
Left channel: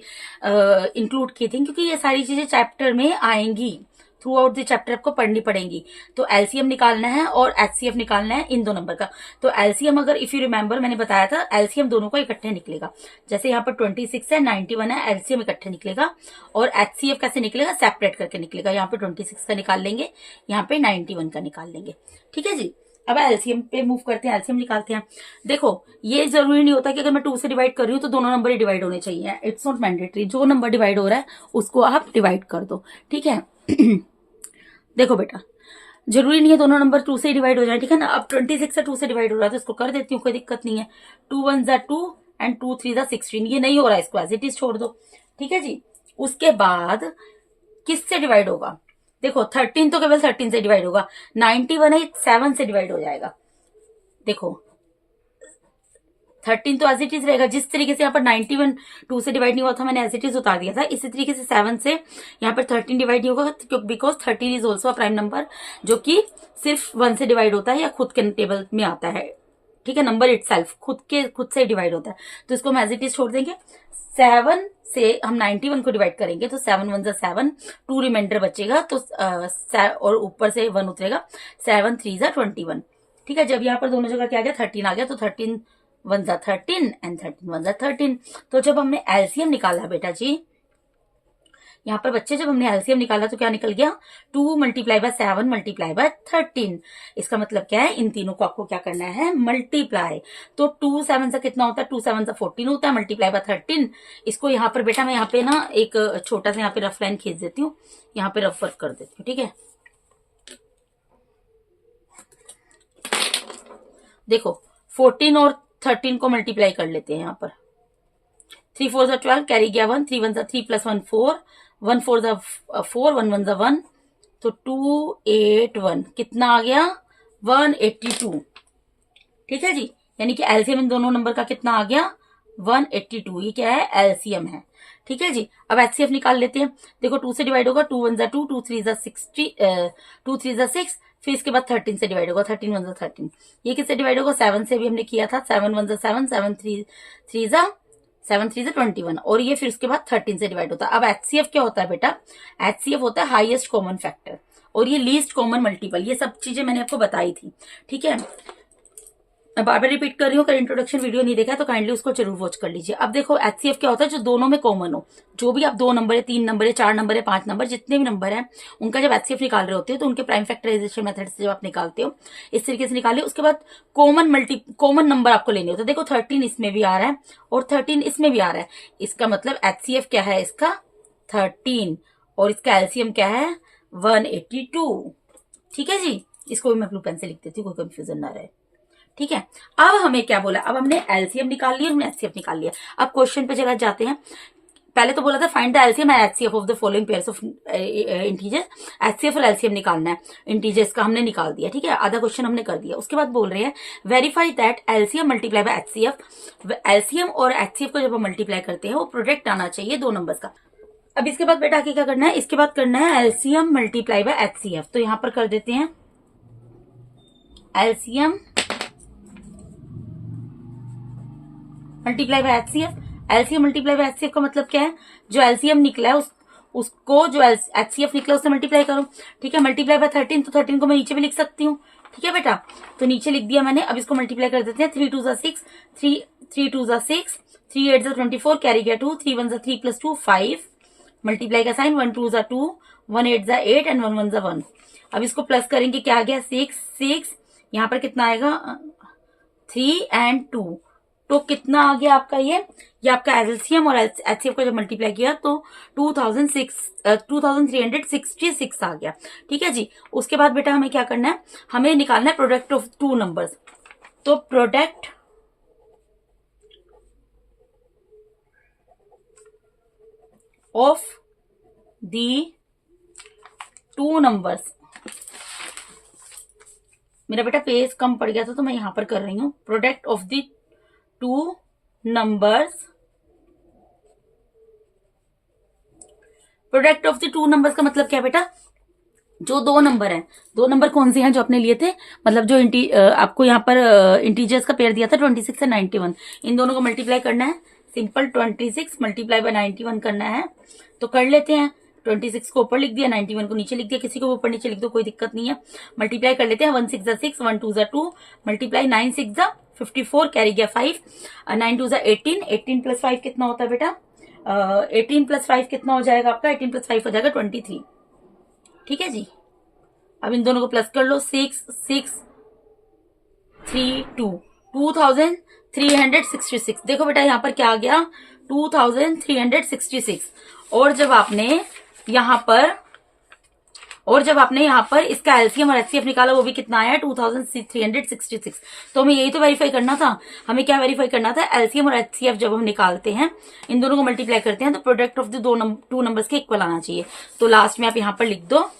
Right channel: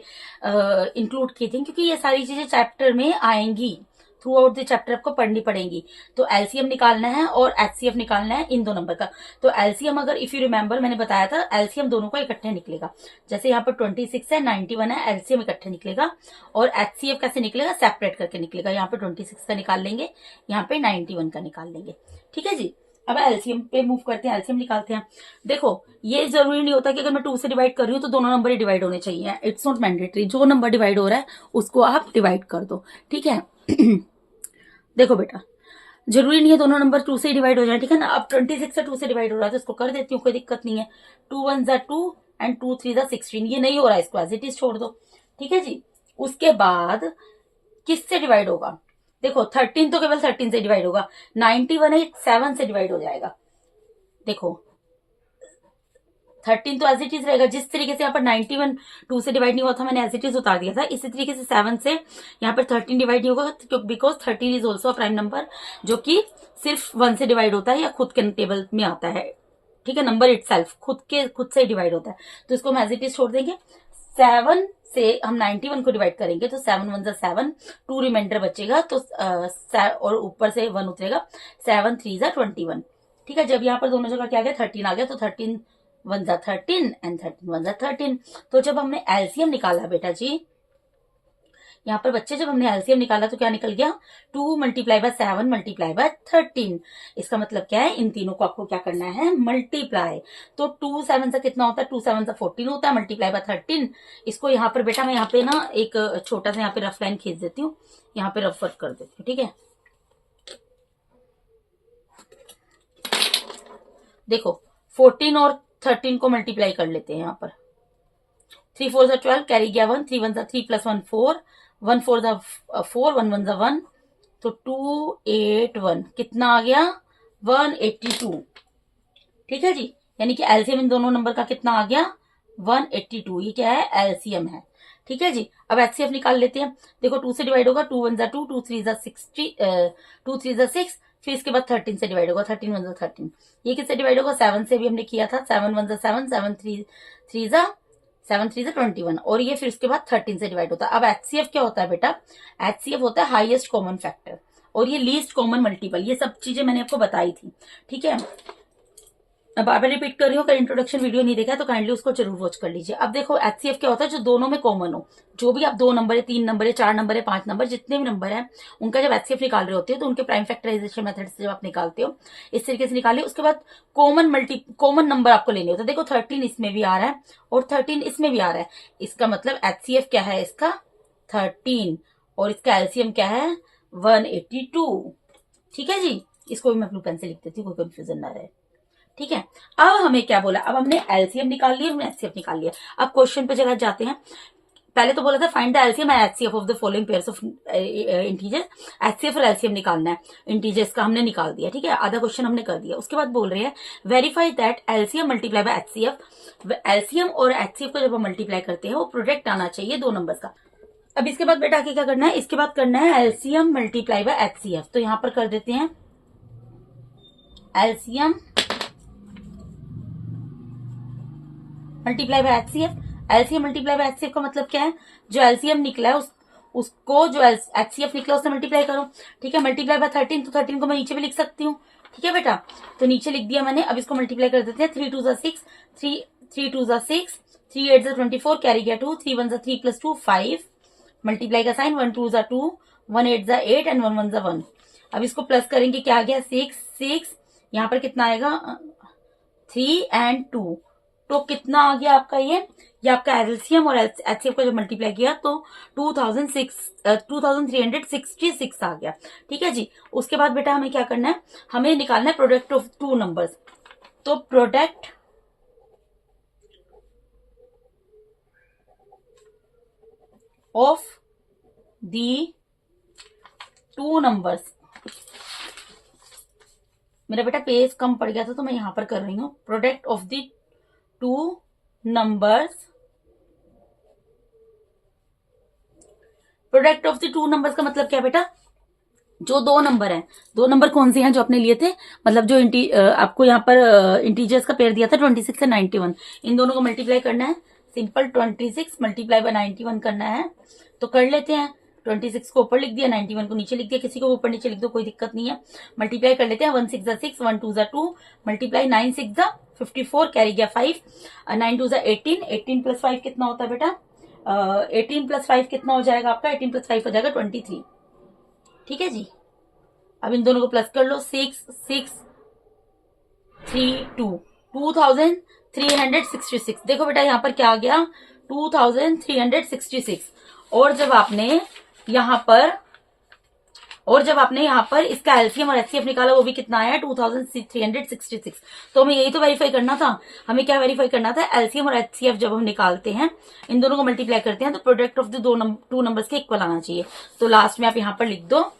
इंक्लूड की थी, क्योंकि ये सारी चीजें चैप्टर में आएंगी, थ्रू आउट द चैप्टर आपको पढ़नी पड़ेंगी। तो एलसीएम निकालना है और एचसीएफ निकालना है इन दो नंबर का। तो एलसीएम अगर इफ यू रिमेंबर मैंने बताया था एलसीएम दोनों का इकट्ठे निकलेगा। जैसे यहाँ पर 26 है 91 है, एलसीएम इकट्ठे निकलेगा। और एचसीएफ कैसे निकलेगा, सेपरेट करके निकलेगा। यहाँ पे 26 का निकाल लेंगे, यहाँ पे 91 का निकाल लेंगे। ठीक है जी। अब एलसीएम पे मूव करते हैं, एलसीएम निकालते हैं। देखो ये जरूरी नहीं होता कि अगर मैं 2 से डिवाइड कर रही हूँ तो दोनों नंबर ही डिवाइड होने चाहिए। इट्स नॉट मैंडेटरी, जो नंबर डिवाइड हो रहा है उसको आप डिवाइड कर दो। ठीक है देखो बेटा, जरूरी नहीं है दोनों नंबर 2 से डिवाइड हो जाए। ठीक है ना। अब 26 से 2 से डिवाइड हो रहा है तो इसको कर देती हूँ, कोई दिक्कत नहीं है। 2 1 जा 2 एंड 2 3 जा 16। ये नहीं हो रहा है, इसको एज इट इज छोड़ दो। ठीक है जी। उसके बाद किससे डिवाइड होगा, देखो 13 तो केवल 13 से डिवाइड होगा। 91 है 7 से डिवाइड हो जाएगा। देखो 13 तो एज इट इज रहेगा। जिस तरीके से यहाँ पर 91 2 से डिवाइड नहीं हुआ था, मैंने एज इट इज उतार दिया था, इसी तरीके से 7 से यहाँ पर 13 डिवाइड नहीं होगा, because 13 is also a prime number जो कि सिर्फ 1 से डिवाइड होता है या खुद के टेबल में आता है। ठीक है, नंबर इटसेल्फ खुद से डिवाइड होता है। तो इसको हम एज इट इज छोड़ देंगे। 7 से हम 91 को डिवाइड करेंगे तो 7 1 जा 7, 2 रिमाइंडर बचेगा तो और ऊपर से 1 उतरेगा। 7 3 जा 21। ठीक है, जब यहाँ पर दोनों जगह क्या आ गया 13 आ गया तो 13 1 जा 13 एंड 13 1 जा 13। तो जब हमने एलसीएम निकाला बेटा जी, यहाँ पर बच्चे जब हमने एलसीएम निकाला तो क्या निकल गया 2 × 7 × 13। इसका मतलब क्या है, इन तीनों को आपको क्या करना है, मल्टीप्लाई। तो 2 7 से कितना होता है, 2 7 से 14 होता है, मल्टीप्लाई बाय 13। इसको यहाँ पर बेटा मैं यहाँ पे ना एक छोटा सा यहाँ पे रफ लाइन खींच देती हूँ, यहाँ पे रफ वर्क कर देती हूँ। ठीक है, देखो 14 और 13 को मल्टीप्लाई कर लेते हैं। यहाँ पर 3 4 जा 12, कैरी गया 1, 3 1 जा 3 + 1 4, 1 4 जा 4, 1 1 जा 1, तो 281 कितना आ गया 182। ठीक है जी, यानी कि एलसीएम इन दोनों नंबर का कितना आ गया 182। ये क्या है, एलसीएम है। ठीक है जी। अब एचसीएफ निकाल लेते हैं। देखो 2 से डिवाइड होगा, 2 1 जा 2, 2 3 जा 60, 2 3 जा 6, फिर इसके बाद 13 से डिवाइड होगा, 13 1 जा 13। ये किससे डिवाइड होगा, 7 से भी हमने किया था, 7 1 जा 7, 7 3 जा 21, और ये फिर उसके बाद 13 से डिवाइड होता है। अब एचसीएफ क्या होता है बेटा, एचसीएफ होता है हाईएस्ट कॉमन फैक्टर और ये लीस्ट कॉमन मल्टीपल। ये सब चीजें मैंने आपको बताई थी। ठीक है, मैं बार बार रिपीट कर रही हूँ, अगर इंट्रोडक्शन वीडियो नहीं देखा तो काइंडली उसको जरूर वॉच कर लीजिए। अब देखो एचसीएफ क्या होता है, जो दोनों में कॉमन हो। जो भी आप 2 नंबर है, 3 नंबर है, 4 नंबर है, 5 नंबर, जितने भी नंबर है उनका जब एचसीएफ निकाल रहे होते हो तो उनके प्राइम फैक्टराइजेशन मेथड से जब आप निकालते हो इस तरीके से निकालिए। उसके बाद कॉमन नंबर आपको लेने होते हैं। देखो 13 इसमें भी आ रहा है और 13 इसमें भी आ रहा है, इसका मतलब एचसीएफ क्या है इसका 13 और इसका एलसीएम क्या है 182। ठीक है जी, इसको भी मैं ब्लू पेन से लिख देती हूँ, कोई कंफ्यूजन ना रहे। ठीक है, अब हमें क्या बोला, अब हमने एलसीएम निकाल लिया, हमने एचसीएफ निकाल लिया। अब क्वेश्चन पे जगह जाते हैं। पहले तो बोला था find the LCM and HCF of the following pairs of integer. HCF और एलसीएम निकालना है इंटीजर्स का, हमने निकाल दिया। ठीक है, आधा क्वेश्चन हमने कर दिया। उसके बाद बोल रहे हैं verify that LCM multiply by HCF. LCM और एचसीएफ को जब हम मल्टीप्लाई करते हैं वो प्रोडक्ट आना चाहिए 2 नंबर्स का। अब इसके बाद बेटा आगे क्या करना है, इसके बाद करना है एलसीएम मल्टीप्लाई बाय एचसीएफ। तो यहां पर कर देते हैं LCM multiply by HCF. LCM multiply by HCF का मतलब क्या है, जो एलसीएम निकला है उसको जो एचसीएफ निकला उससे मल्टीप्लाई करो। ठीक है, मल्टीप्लाई बाय 13, तो 13 को मैं नीचे भी लिख सकती हूँ। ठीक है बेटा, तो नीचे लिख दिया मैंने। अब इसको मल्टीप्लाई कर देते हैं। 3 2 जा 6, 3 2 जा 6, 3 8 जा 24, कैरी गया 2, 3 1 जा 3 + 2 5, मल्टीप्लाई का साइन, 1 2 जा 2, 1 8 जा 8 एंड 1 1 जा 1। अब इसको प्लस करेंगे, क्या आ गया 6 6, यहाँ पर कितना आएगा 3 एंड 2, तो कितना आ गया आपका ये आपका एलसीएम और एचसीएफ को जब मल्टीप्लाई किया तो 2366 आ गया। ठीक है जी। उसके बाद बेटा हमें क्या करना है, हमें निकालना है प्रोडक्ट ऑफ 2 नंबर्स। तो प्रोडक्ट ऑफ दी 2 नंबर्स, मेरा बेटा पेज कम पड़ गया था तो मैं यहां पर कर रही हूं। Product of the 2 numbers, product of the 2 numbers का मतलब क्या है बेटा, जो 2 नंबर हैं, 2 नंबर कौन से हैं जो आपने लिए थे, मतलब जो आपको यहाँ पर इंटीजर्स का पेयर दिया था 26 से 91, इन दोनों को मल्टीप्लाई करना है। सिंपल 26 मल्टीप्लाई बाय 91 करना है। तो कर लेते हैं। 26 को ऊपर लिख दिया, 91 को नीचे लिख दिया, किसी को ऊपर नीचे लिख दो, कोई दिक्कत नहीं है। मल्टीप्लाई कर लेते हैं, 1 6 6, 1 2 2, मल्टीप्लाई 9 6 54, कैरी गया 5, 9 2 18, 18 प्लस 5 कितना होता है बेटा, 18 प्लस 5 कितना हो जाएगा आपका, 18 प्लस 5 हो जाएगा 23। ठीक है जी, अब इन दोनों को प्लस कर लो, 6 6 3 2, 2366। देखो बेटा यहाँ पर क्या आ गया, 2366। और जब आपने यहाँ पर इसका एलसीएम और एचसीएफ निकाला, वो भी कितना आया, 2366। तो हमें यही तो वेरीफाई करना था। हमें क्या वेरीफाई करना था, एलसीएम और एचसीएफ जब हम निकालते हैं, इन दोनों को मल्टीप्लाई करते हैं, तो product of the two numbers के इक्वल आना चाहिए। तो लास्ट में आप यहाँ पर लिख दो,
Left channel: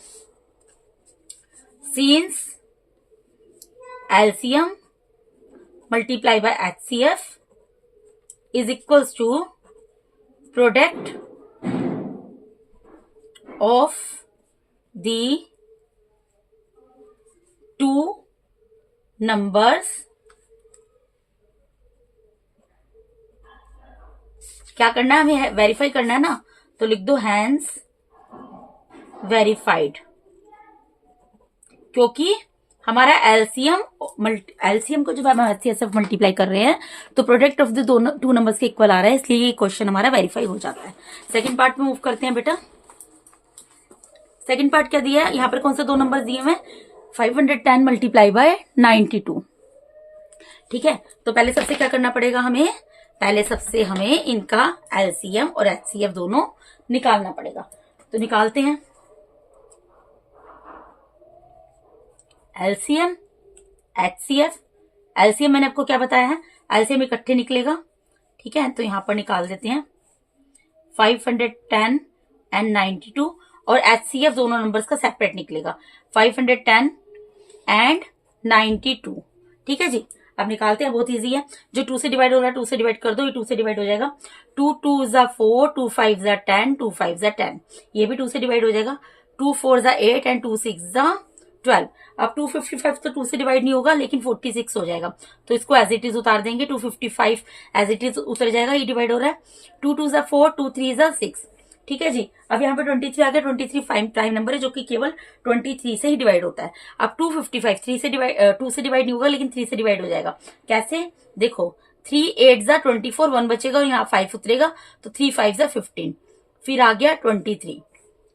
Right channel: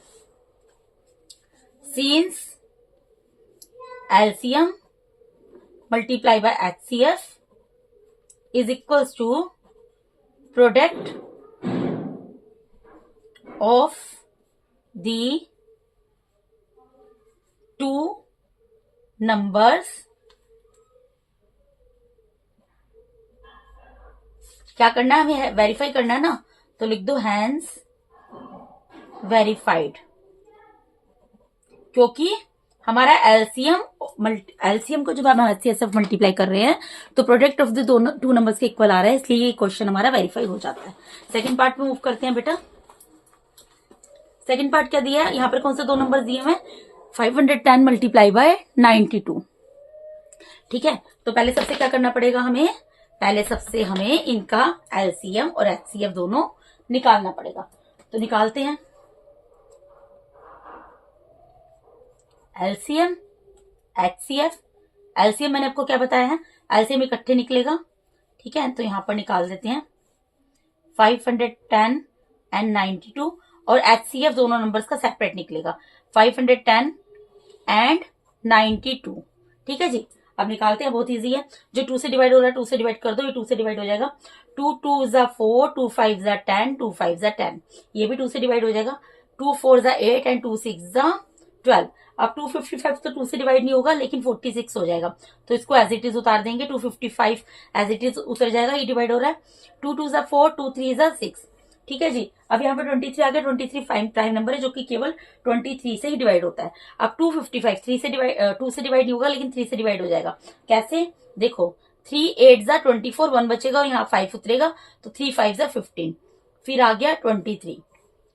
since LCM multiply by HCF is equals to product of the two numbers। क्या करना है, हमें वेरीफाई करना है ना, तो लिख दो हैंस वेरीफाइड, क्योंकि हमारा एलसीएम को जब हम एचसीएफ मल्टीप्लाई कर रहे हैं तो product of the two numbers के इक्वल आ रहा है, इसलिए ये क्वेश्चन हमारा वेरीफाई हो जाता है। सेकंड पार्ट में मूव करते हैं बेटा। सेकंड पार्ट क्या दिया है, यहाँ पर कौन से दो नंबर दिए हैं, 510 मल्टीप्लाई बाय 92। ठीक है, तो पहले सबसे क्या करना पड़ेगा हमें, पहले सबसे हमें इनका एलसीएम और एचसीएफ दोनों निकालना पड़ेगा। तो निकालते हैं, एलसीएम एचसीएफ। एलसीएम मैंने आपको क्या बताया है, एलसीएम इकट्ठे निकलेगा। ठीक है, तो यहां पर निकाल देते हैं 510 एंड 92, और एचसीएफ दोनों नंबर्स का सेपरेट निकलेगा, 510 एंड 92। ठीक है जी, अब निकालते हैं, बहुत इजी है। जो 2 से डिवाइड हो रहा है 2 से डिवाइड कर दो, ये 2 से डिवाइड हो जाएगा, 2 2 4, 2 5 10, 2 5 10, ये भी 2 से डिवाइड हो जाएगा, 2 4 8 एंड 2 6 12। अब 255 तो 2 से डिवाइड नहीं होगा, लेकिन 46 हो जाएगा, तो इसको एज इट इज उतार देंगे, 255 एज इट इज उतर जाएगा, ये डिवाइड हो रहा है, 2 2 4, 2 3 6। ठीक है जी, अब यहाँ पर 23 आ गया, 23 प्राइम नंबर है जो कि केवल 23 से ही डिवाइड होता है। अब 255 2 से डिवाइड नहीं होगा, लेकिन 3 से डिवाइड हो जाएगा। कैसे, देखो 3 8 24, 1 बचेगा और यहाँ 5 उतरेगा, तो 3 5 15, फिर आ गया 23।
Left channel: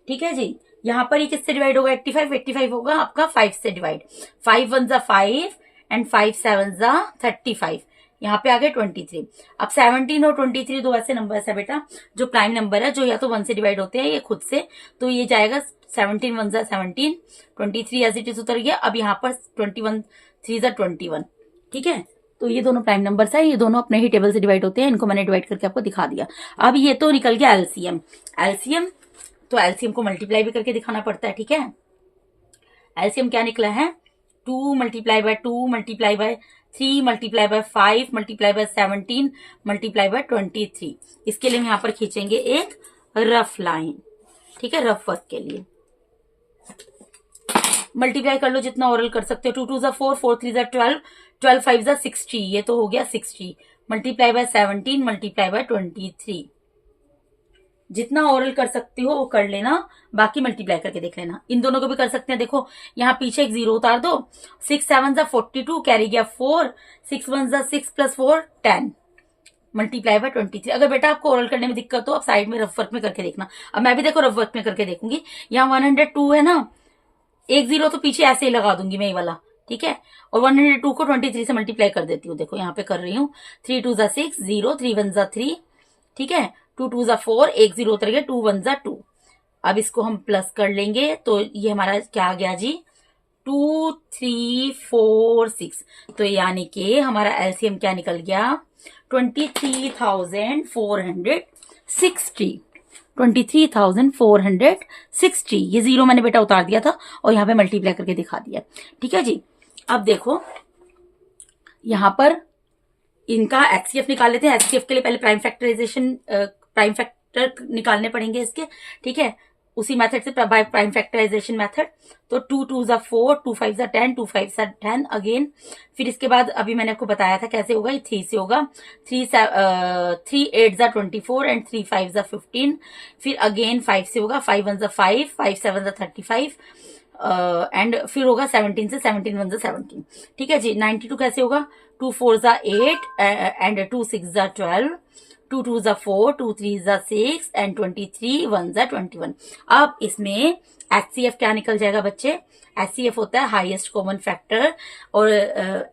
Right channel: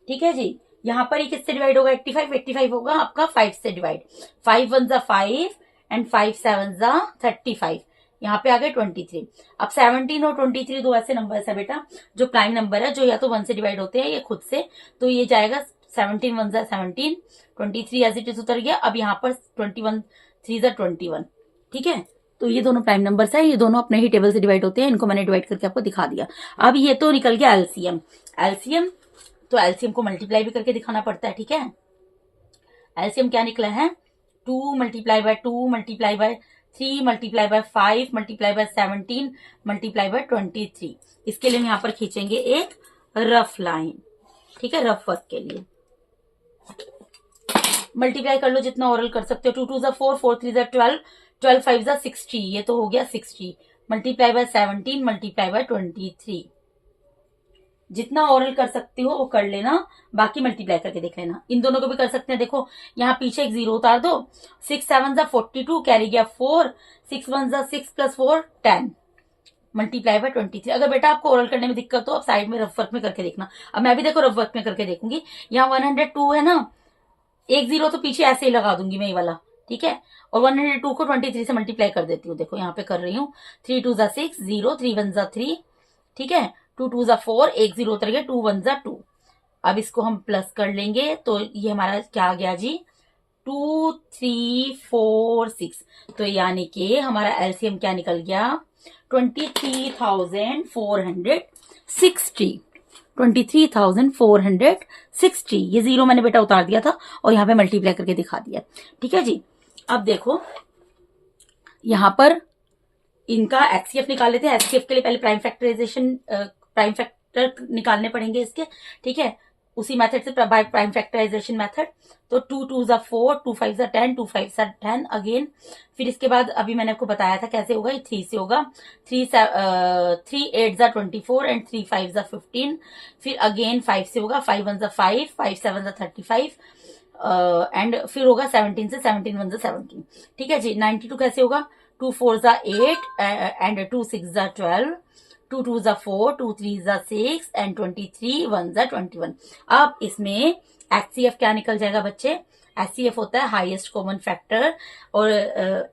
ठीक है जी, यहाँ पर ये किससे डिवाइड होगा, 85 होगा आपका 5 से डिवाइड, 5 1 5 एंड 5 7 35, यहाँ पे आ गए 23। अब 17 और 23 दो ऐसे नंबर्स है बेटा जो प्राइम नंबर है, जो या तो 1 से डिवाइड होते हैं या खुद से, तो ये जाएगा 17 1 17, 23 एज इट इज उतर गया। अब यहाँ पर 21 3 21। ठीक है, तो ये दोनों प्राइम नंबर्स है, ये दोनों अपने ही टेबल से डिवाइड होते हैं, इनको मैंने डिवाइड करके आपको दिखा दिया। अब ये तो निकल गया एलसीएम, तो एलसीएम को मल्टीप्लाई भी करके दिखाना पड़ता है। ठीक है, एलसीएम क्या निकला है, 2 multiply bye 2 multiply bye 3 multiply by 5 multiply by 17 multiply by 23। इसके लिए हम यहाँ पर खींचेंगे एक रफ लाइन। ठीक है, रफ वर्क के लिए मल्टीप्लाई कर लो जितना ओरल कर सकते हो, 2 2 4, 4 3 12, 12 5 60, ये तो हो गया 60, मल्टीप्लाई बाय 17 मल्टीप्लाई बाय 23। जितना ओरल कर सकते हो वो कर लेना, बाकी मल्टीप्लाई करके देख लेना। इन दोनों को भी कर सकते हैं, देखो यहाँ पीछे एक 0 उतार दो, 6 7 42, कैरी गया 4, 6 1 6 प्लस 4 10, मल्टीप्लाई बाय 23। अगर बेटा आपको ओरल करने में दिक्कत हो, आप साइड में रफ वर्क में करके देखना। अब मैं भी देखो रफ वर्क में करके देखूंगी। यहाँ 102 है ना, एक 0 तो पीछे ऐसे ही लगा दूंगी मैं ये वाला। ठीक है, और 102 को 23 से मल्टीप्लाई कर देती हूँ। देखो यहाँ पे कर रही हूँ, 3 2 6 0, 3 1 3। ठीक है, 2 2 4, एक 0 उतर गया, 2 1 2। अब इसको हम प्लस कर लेंगे, तो ये हमारा क्या आ गया जी, 2 3 4 6। तो यानी कि हमारा एलसीएम क्या निकल गया, 23,460। 23,460, ये 0 मैंने बेटा उतार दिया था और यहाँ पे मल्टीप्लाई करके दिखा दिया। ठीक है जी, अब देखो यहाँ पर इनका एचसीएफ निकाल लेते हैं। एचसीएफ के लिए पहले प्राइम फैक्टर निकालने पड़ेंगे इसके। ठीक है, उसी मेथड से बाय प्राइम फैक्टराइजेशन मेथड। तो 2 2 ज़ा 4, 2 5 ज़ा 10, 2 5 ज़ा 10 अगेन। फिर इसके बाद अभी मैंने आपको बताया था कैसे होगा, ये 3 से होगा। 3 8 ज़ा 24 एंड 3 5 ज़ा 15। फिर अगेन 5 से होगा, 5 1 ज़ा 5, 5 7 ज़ा 35 एंड फिर होगा 17 से, 17 1 ज़ा 17। ठीक है जी। 92 कैसे होगा, 2 4 ज़ा 8 एंड 2 6 ज़ा 12, 2 2 ज़ा 4, 2 3 ज़ा 6 एंड 23 1 ज़ा 21। अब इसमें HCF क्या निकल जाएगा बच्चे, HCF होता है हाईएस्ट कॉमन फैक्टर और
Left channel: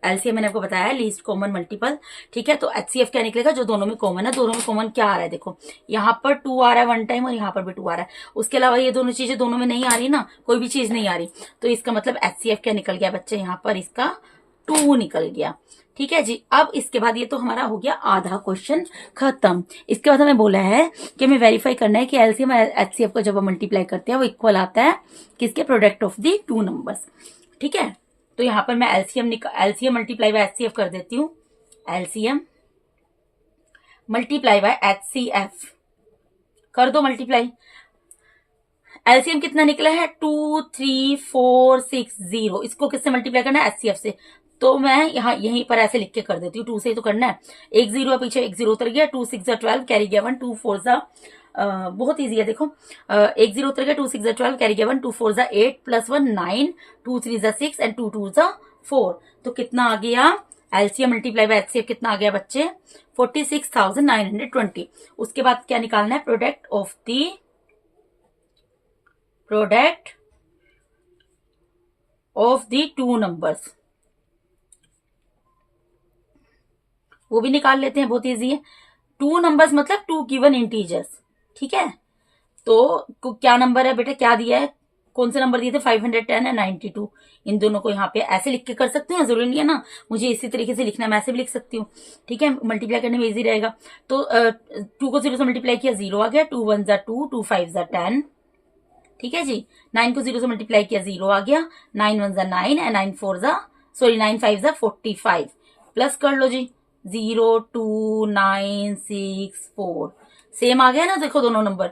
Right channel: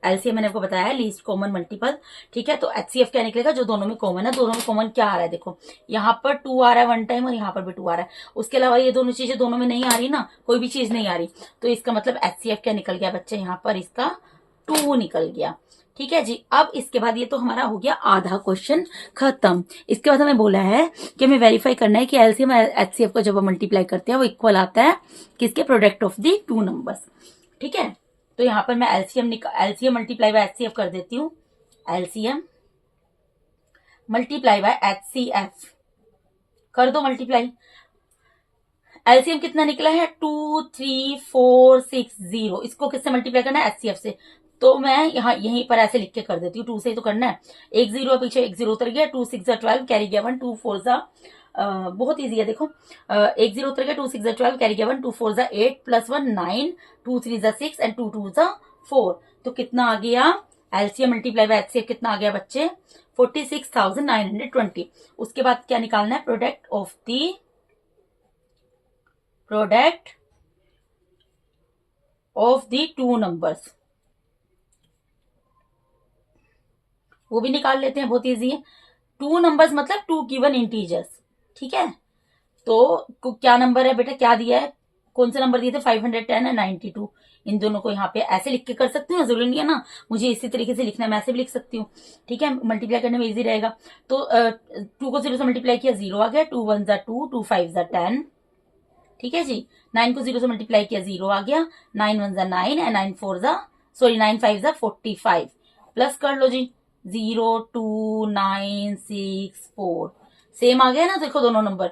LCM मैंने आपको बताया है लीस्ट कॉमन मल्टीपल। ठीक है, तो HCF क्या निकलेगा, जो दोनों में कॉमन है। दोनों में कॉमन क्या आ रहा है, देखो यहाँ पर 2 आ रहा है वन टाइम और यहाँ पर भी 2 आ रहा है। उसके अलावा ये दोनों चीजें दोनों में नहीं आ रही ना, कोई भी चीज नहीं आ रही, तो इसका मतलब HCF क्या निकल गया बच्चे, यहाँ पर इसका 2 निकल गया। ठीक है जी। अब इसके बाद ये तो हमारा हो गया आधा क्वेश्चन खत्म। इसके बाद हमें बोला है कि हमें वेरीफाई करना है कि एलसीएम और एचसीएफ को जब हम मल्टीप्लाई करते हैं वो इक्वल आता है किसके, product of the two numbers. ठीक है, तो यहां पर मैं एलसीएम मल्टीप्लाई बाय एचसीएफ कर देती हूँ। एलसीएम मल्टीप्लाई बाय एचसीएफ कर दो मल्टीप्लाई। एलसीएम कितना निकला है, 2 3 4 6 0। इसको किससे मल्टीप्लाई करना है, एचसीएफ से। तो मैं यहाँ यहीं पर ऐसे लिख के कर देती हूँ, 2 से ही तो करना है। एक 0 है पीछे, एक 0 उतर गया। 2 6 ज़ा 12 कैरी गया 1, 2 4 ज़ा बहुत ईजी है देखो, एक 0 उतर गया। 2 6 ज़ा 12 कैरी गया 1, 2 4 ज़ा 8 प्लस 1 9, 2 3 ज़ा 6 एंड 2 2 ज़ा 4। तो कितना आ गया, एलसीएम मल्टीप्लाई बाय एचसीएफ कितना आ गया बच्चे, 46,920। उसके बाद क्या निकालना है, product of the two numbers, वो भी निकाल लेते हैं, बहुत इजी है। टू नंबर्स मतलब 2 गिवन इंटीजर्स। ठीक है, तो क्या नंबर है बेटा, क्या दिया है, कौन से नंबर दिए थे, 510 है 92। इन दोनों को यहाँ पे ऐसे लिख के कर सकती हूँ, जरूरी नहीं है ना मुझे इसी तरीके से लिखना, मैं ऐसे भी लिख सकती हूँ। ठीक है, मल्टीप्लाई करने में इजी रहेगा। तो 2 को 0 से मल्टीप्लाई किया, 0 आ गया। 2 1 ज़ा 2, 2 5 ज़ा 10। ठीक है जी। 9 को 0 से मल्टीप्लाई किया, 0 आ गया। 9 1 ज़ा 9 एंड 9 5 ज़ा 45। प्लस कर लो जी, 0 2 9 6 4। सेम आ गया ना, देखो दोनों नंबर,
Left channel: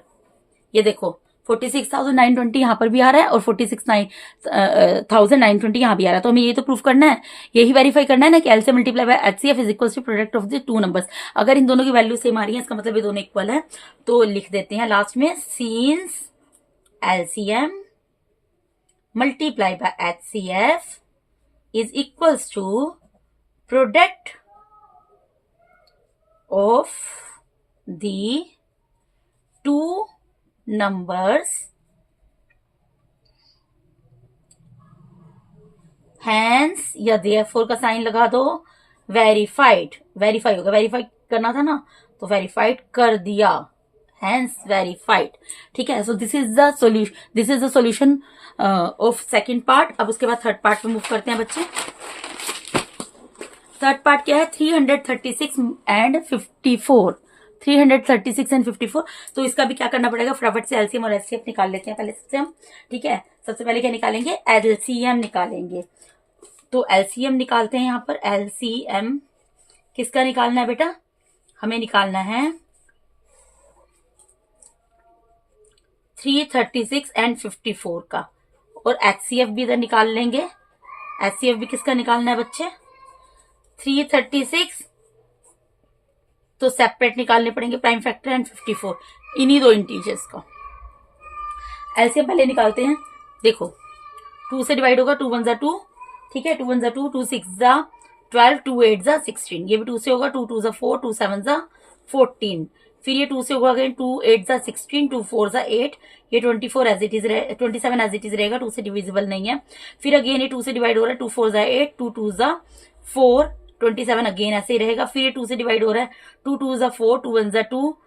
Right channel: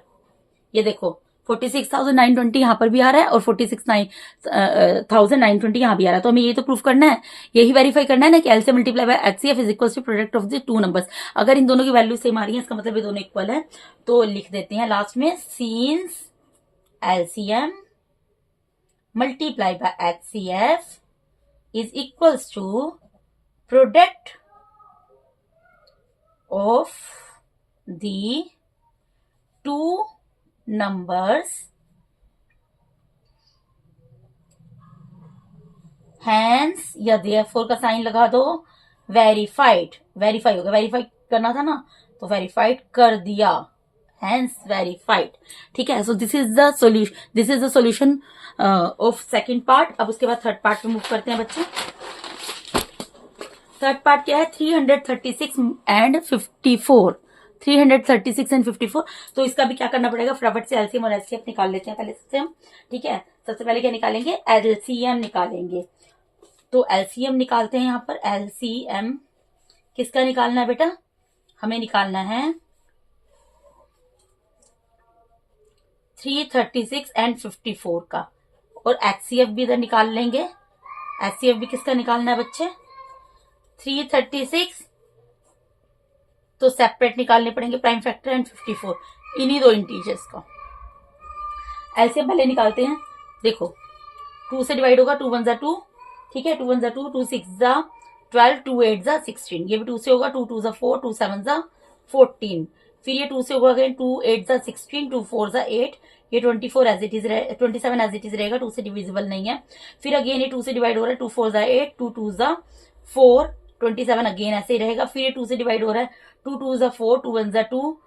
ये देखो 46,920 यहाँ पर भी आ रहा है और 46,920 यहाँ भी आ रहा है। तो हमें ये तो प्रूफ करना है, यही वेरीफाई करना है ना कि L C multiply by HCF is equal to product of the two numbers. अगर इन दोनों की वैल्यू सेम आ रही है, इसका मतलब ये दोनों इक्वल है। तो लिख देते हैं लास्ट में, since LCM multiply by HCF is equals to product of the two numbers, hence या देयरफॉर का साइन लगा दो, वेरीफाइड, वेरीफाई होगा, वेरीफाई करना था ना, तो वेरीफाइड कर दिया, हैंस वेरीफाइड। ठीक है, so this is the solution, this is the solution of second part. अब उसके बाद थर्ड पार्ट पे मूव करते हैं बच्चे। थर्ड पार्ट क्या है, 336 एंड 54, 336 एंड 54। तो इसका भी क्या करना पड़ेगा, फटाफट से एलसीएम और एचसीएफ निकाल लेते हैं पहले सबसे हम। ठीक है, सबसे पहले क्या निकालेंगे, एलसीएम निकालेंगे। तो एलसीएम निकालते हैं यहाँ पर। एलसीएम किसका निकालना है बेटा, हमें निकालना है 336 एंड 54 का, और एचसीएफ भी इधर निकाल लेंगे। एचसीएफ भी किसका निकालना है बच्चे, 336 तो सेपरेट निकालने पड़ेंगे प्राइम फैक्टर एंड 54, इन्हीं दो इंटीजर्स का। एलसीएम पहले निकालते हैं, देखो 2 से डिवाइड होगा, 2 1 ज़ा 2। ठीक है, 2 1 ज़ा 2, 2 6 ज़ा 12, 2 8 ज़ा 16। ये भी 2 से होगा, 2 2 ज़ा 4, 2 7 ज़ा 14। फिर ये 2 से होगा अगेन, 2 8 ज़ा 16, 2 4 ज़ा 8। ये 24 as it is 27 as it is रहेगा, 2 से डिविजिबल नहीं है। फिर अगेन ये 2 से डिवाइड हो रहा है, 2 4 ज़ा 8, 2 2 ज़ा 4, 27 अगेन ऐसे ही रहेगा। फिर ये 2 से डिवाइड हो रहा है, 2 2 ज़ा 4, 2 1 ज़ा 2,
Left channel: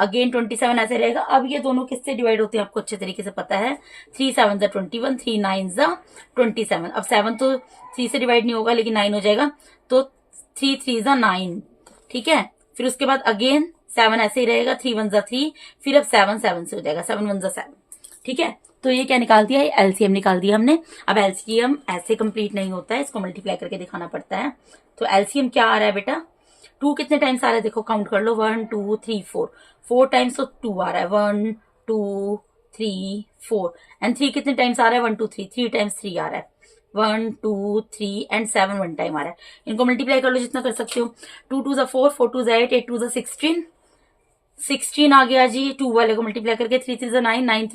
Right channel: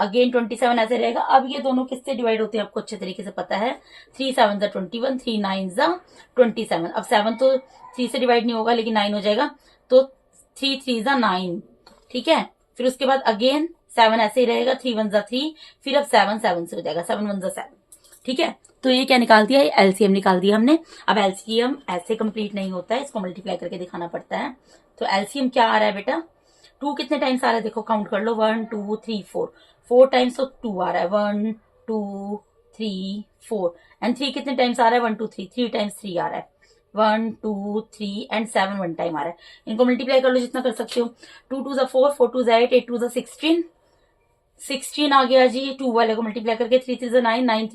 अगेन 27 ऐसे रहेगा। अब ये दोनों किससे डिवाइड होते हैं आपको अच्छे तरीके से पता है, 3 7 ज़ा 21, 3 9 ज़ा 27। अब 7 तो 3 से डिवाइड नहीं होगा लेकिन 9 हो जाएगा, तो 3 3 ज़ा 9। ठीक है, फिर उसके बाद अगेन 7 ऐसे ही रहेगा, 3 1 ज़ा 3। फिर अब 7 7 से हो जाएगा, 7 1 ज़ा 7। ठीक है, तो ये क्या निकाल दिया, एलसीएम निकाल दिया हमने। अब एलसीएम ऐसे कंप्लीट नहीं होता है, इसको मल्टीप्लाई करके दिखाना पड़ता है। तो एलसीएम क्या आ रहा है बेटा, 2 कितने टाइम्स आ रहा है, देखो काउंट कर लो, 1 2 3 4, 4 टाइम्स तो 2 आ रहा है, 1 2 3 4 एंड 3 कितने टाइम्स आ रहा है 1 2 3 3 टाइम्स 3 आ रहा है 1 2 3 एंड 7 1 टाइम आ रहा है। इनको मल्टीप्लाई कर लो जितना कर सकते हो। 2 2 ज़ा 4 4 2 ज़ा 8 8 2 ज़ा 16 16 आ गया जी। 2 वाले को मल्टीप्लाई करके 3 3 ज़ा 9 9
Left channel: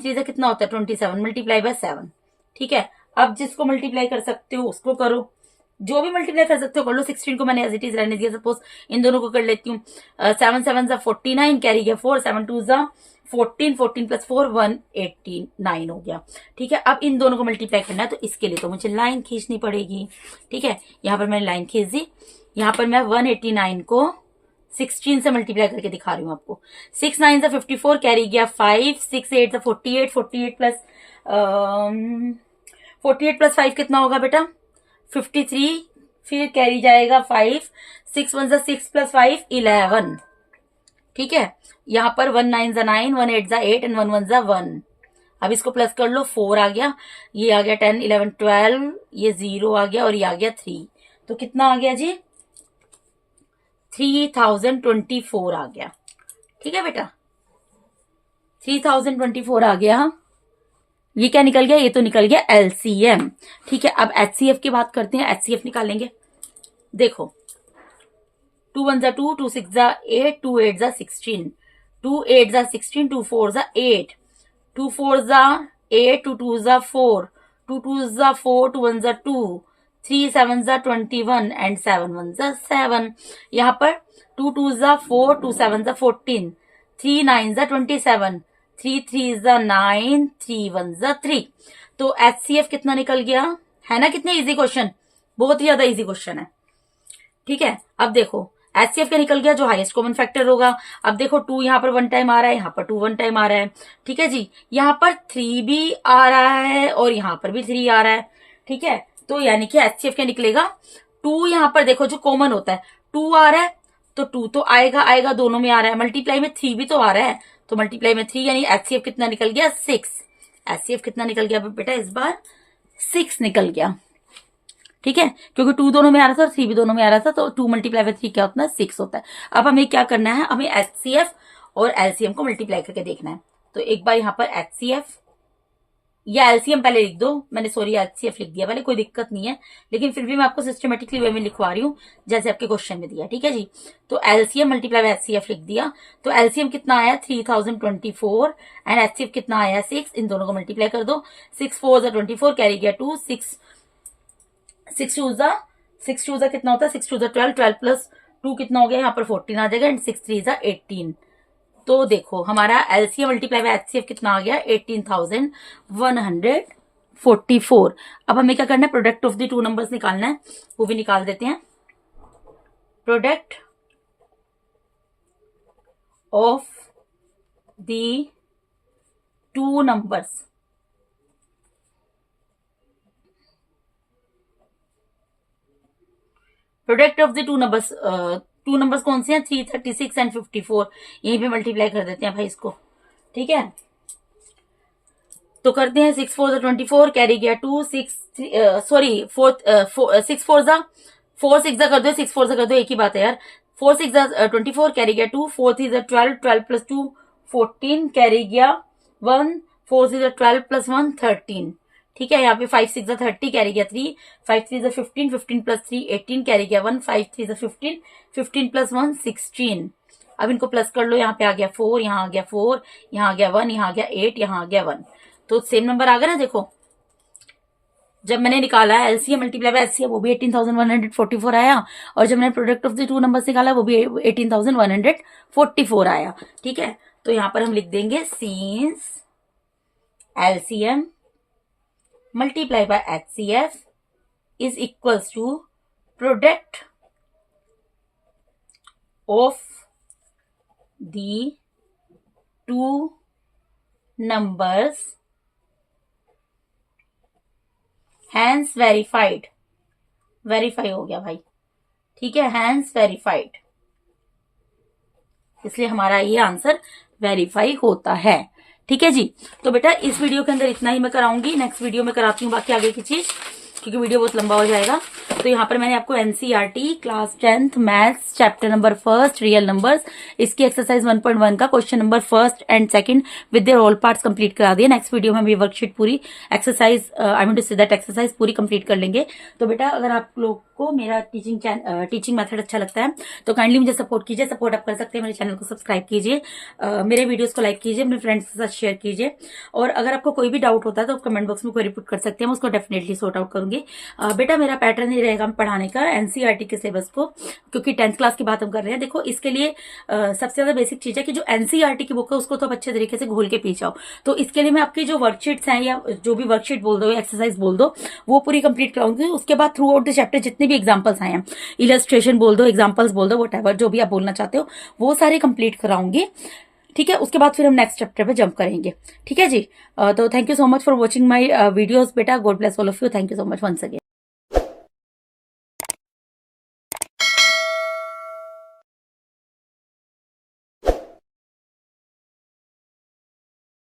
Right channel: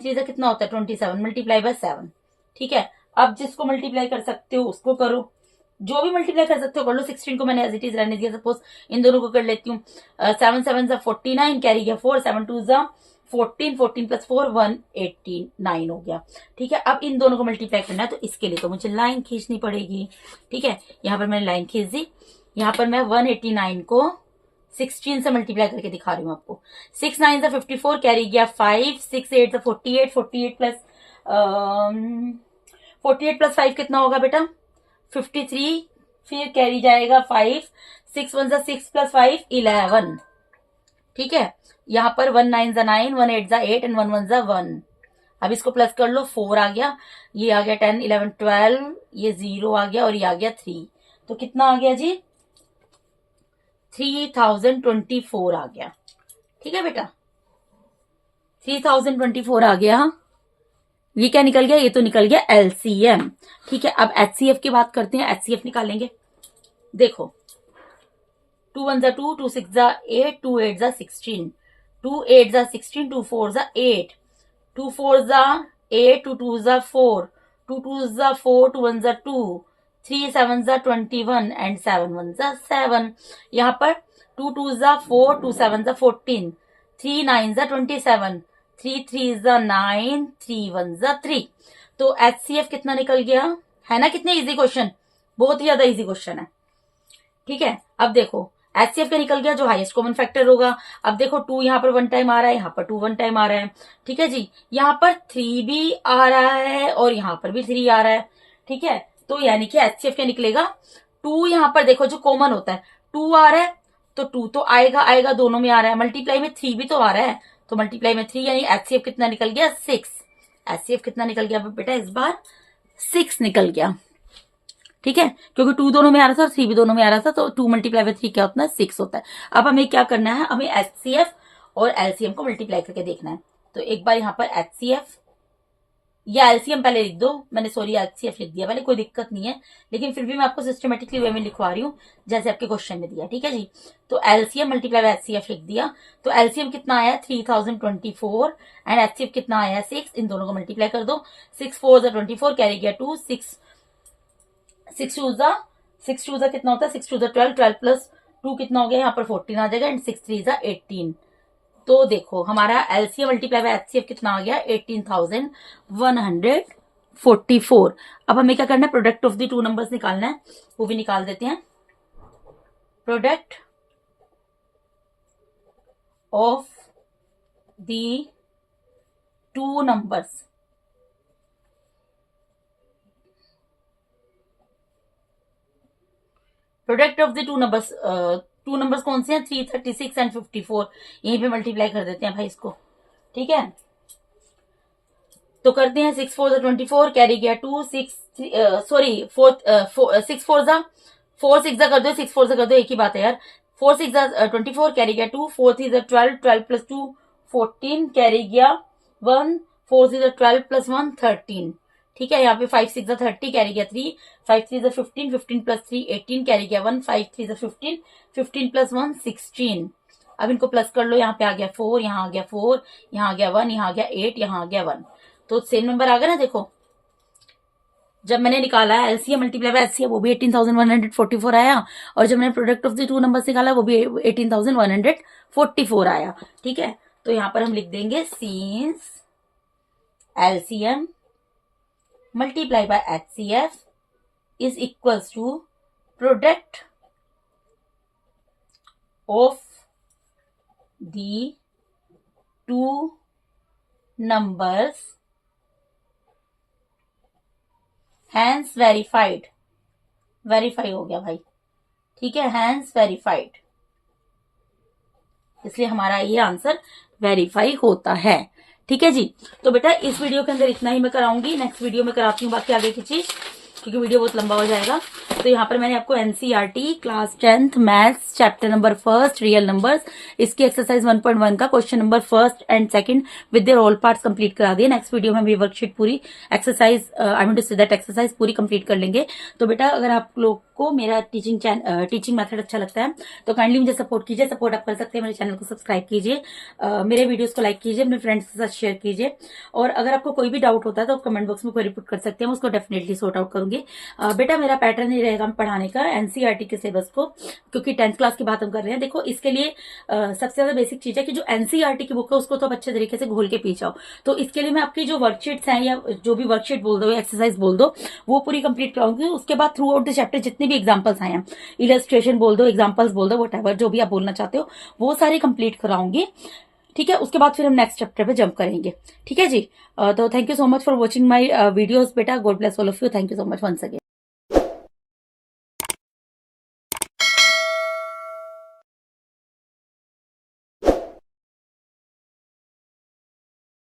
3 ज़ा कितना होता है 27 मल्टीप्लाई बाय 7। ठीक है, अब जिसको मल्टीप्लाई कर सकते हो उसको करो, जो भी मल्टीप्लाई कर सकते हो कर लो। 16 को मैंने एज इट इज रहने दिया, सपोज इन दोनों को कर लेती हूँ। 7 7 ज़ा 49 कैरी गया 4 7 2 ज़ा 14 14 प्लस 4 189 हो गया। ठीक है, अब इन दोनों को मल्टीप्लाई करना है तो इसके लिए तो मुझे लाइन खींचनी पड़ेगी। ठीक है, यहाँ पर मैंने लाइन खींच दी। यहाँ पर मैं 189 को 16 से मल्टीप्लाई करके दिखा रही हूँ आपको। 6 9 ज़ा 54 कैरी गया 5 6 8 ज़ा 48 48 प्लस 48 प्लस 5 कितना होगा बेटा 53, फिर कैरी जाएगा 5 6 1 ज़ा 6 प्लस 5 11। ठीक है, यहाँ पर 1 9 ज़ा 9 1 8 ज़ा 8 एंड 1 1 ज़ा 1। अब इसको प्लस कर लो 4 आ गया, ये आ गया 10 11 12, ये 0 आ गया और ये आ गया 3। तो कितना आ गया जी 3024 आ गया। ठीक है बेटा 3024 आ गया। ये क्या निकल गया, ये तो निकल गया एलसीएम। ठीक है, अब एचसीएफ की बात करते हैं। एचसीएफ निकालेंगे। देखो 2 1 ज़ा 2 2 6 ज़ा 8 2 8 ज़ा 16 2 8 ज़ा 16 2 4 ज़ा 8 2 4 ज़ा 8 2 2 ज़ा 4 2 2 ज़ा 4 2 1 ज़ा 2 3 7 ज़ा 21 एंड 7 1 ज़ा 7। यहाँ पर 2 2 ज़ा 4 2 7 ज़ा 14 3 9 ज़ा 27 3 3 ज़ा 9 3 1 ज़ा 3। तो एचसीएफ कितना निकल गया है ना। कितने इजी क्वेश्चन, बहुत ही ज्यादा इजी क्वेश्चन है। ठीक है, अब देखो एचसीएफ का निकल गया जो हाईएस्ट कॉमन फैक्टर होगा। अब देखो 2 यहाँ पर 1 टाइम आ रहा है, यहाँ पर 2 1 टाइम आ रहा है। ठीक है जी, यहाँ पर 3 भी आ रहा है और यहाँ पर भी 3 आ रहा है। ठीक है, तो यानी कि एचसीएफ क्या निकलेगा 2। यहाँ पर देखो जो कॉमन होता है 2 आ रहा है तो 2 तो आएगा आएगा, दोनों में आ रहा है। मल्टीप्लाई में 3 भी तो आ रहा है तो मल्टीप्लाई में 3, यानी एचसीएफ कितना निकल गया 6। एचसीएफ कितना निकल गया बेटा इस बार 6 निकल गया। ठीक है, क्योंकि 2 दोनों में आ रहा था और 3 भी दोनों में आ रहा था, तो 2 मल्टीप्लाई बाय 3 क्या होता है 6 होता है। अब हमें क्या करना है, हमें एचसीएफ और एलसीएम को मल्टीप्लाई करके देखना है। तो एक बार यहाँ पर एचसीएफ या एलसीएम पहले लिख दो, मैंने सॉरी एचसीएफ लिख दिया पहले, कोई दिक्कत नहीं है, लेकिन फिर भी मैं आपको सिस्टमेटिकली वे में लिखवा रही हूँ जैसे आपके क्वेश्चन में दिया। ठीक है जी, तो एलसीएम मल्टीप्लाई बाय एचसीएफ लिख दिया। तो एलसीएम कितना आया 3024 एंड एचसीएफ कितना आया 6। इन दोनों को मल्टीप्लाई कर दो। 6 4 ज़ा 24 कैरी गया 2 6 2 ज़ा कितना होता है 6 2 ज़ा 12 12 प्लस 2 कितना हो गया यहाँ पर 14 आ जाएगा एंड 6 3 ज़ा 18। तो देखो हमारा एलसीएम मल्टीप्लाई बाय एचसीएफ कितना आ गया 18,144। अब हमें क्या करना है product of the two numbers निकालना है, वो भी निकाल देते हैं। Product of the two numbers, product of the two numbers कौन से हैं 336 एंड 54। यहीं पे मल्टीप्लाई कर देते हैं भाई इसको। ठीक है, तो करते हैं 6 4 ज़ा 24 कैरी गया 2 6 सॉरी 4 6 4 ज़ा 4 6 ज़ा कर दो 6 4 ज़ा कर दो, एक ही बात है यार। 4 6 ज़ा 24 कैरी गया 2 4 3 ज़ा 12 12 प्लस 2 14 कैरी गया 1 4 6 ज़ा 12 प्लस 1 13। ठीक है, यहाँ पे 5 6 ज़ा 30 कैरी गया 3 5 3 ज़ा 15 15 प्लस 3 18 कैरी गया 1 5 3 ज़ा 15 15 प्लस 1 16। अब इनको प्लस कर लो, यहाँ पे आ गया 4, यहाँ आ गया 4, यहाँ आ गया 1, यहाँ आ गया 8, यहाँ आ गया 1। तो सेम नंबर आ गया ना। देखो जब मैंने निकाला है एलसीएम मल्टीप्लाई बाय एचसीएफ वो भी 18,144 आया, और जब मैंने product of the two numbers निकाला वो भी 18,144 आया। ठीक है, तो यहाँ पर हम लिख देंगे since LCM multiply by HCF is equals to product of the two numbers hence verified. Verify हो गया भाई। ठीक है, हैंस वेरीफाइड, इसलिए हमारा ये आंसर वेरीफाई होता है। ठीक है जी, तो बेटा इस वीडियो के अंदर इतना ही मैं कराऊंगी, नेक्स्ट वीडियो में कराती हूँ बाकी आगे की चीज। क्योंकि वीडियो बहुत लंबा हो जाएगा। तो यहाँ पर मैंने आपको NCERT class 10th maths chapter number 1 real numbers इसकी एक्सरसाइज 1.1 का question number 1 and 2 with their all parts complete करा दिए। नेक्स्ट वीडियो में हम ये वर्कशीट पूरी exercise I mean to say that exercise पूरी कंप्लीट कर लेंगे। तो बेटा अगर आप लोग को मेरा टीचिंग मेथड अच्छा लगता है तो काइंडली मुझे सपोर्ट कीजिए। सपोर्ट आप कर सकते हैं, मेरे चैनल को सब्सक्राइब कीजिए, मेरे वीडियोस को लाइक कीजिए, अपने फ्रेंड्स के साथ शेयर कीजिए। और अगर आपको कोई भी डाउट होता है तो आप कमेंट बॉक्स में क्वेरी पुट कर सकते हैं, मैं उसको डेफिनेटली सॉर्ट आउट करूंगी। बेटा मेरा पैटर्न ही रहेगा पढ़ाने का एनसीईआरटी के सिलेबस को, क्योंकि 10th क्लास की बात हम कर रहे हैं। देखो इसके लिए सबसे ज्यादा बेसिक चीज है कि जो एनसीईआरटी की बुक है उसको तो आप अच्छे तरीके से घोल के पी जाओ। तो इसके लिए मैं आपकी जो वर्कशीट्स हैं या जो भी वर्कशीट बोल दो, एक्सरसाइज बोल दो, वो पूरी कंप्लीट कराऊंगी। उसके बाद थ्रू आउट द चैप्टर जितने भी एग्जाम्पल्स आए हैं, इलस्ट्रेशन बोल दो, एग्जाम्पल्स बोल दो, व्हाटएवर जो भी आप बोलना चाहते हो वो सारे कंप्लीट कराऊंगी। ठीक है, उसके बाद फिर हम नेक्स्ट चैप्टर पे जंप करेंगे। ठीक है जी। तो thank you so much for watching my videos बेटा। God bless all of you. Thank you so much once again.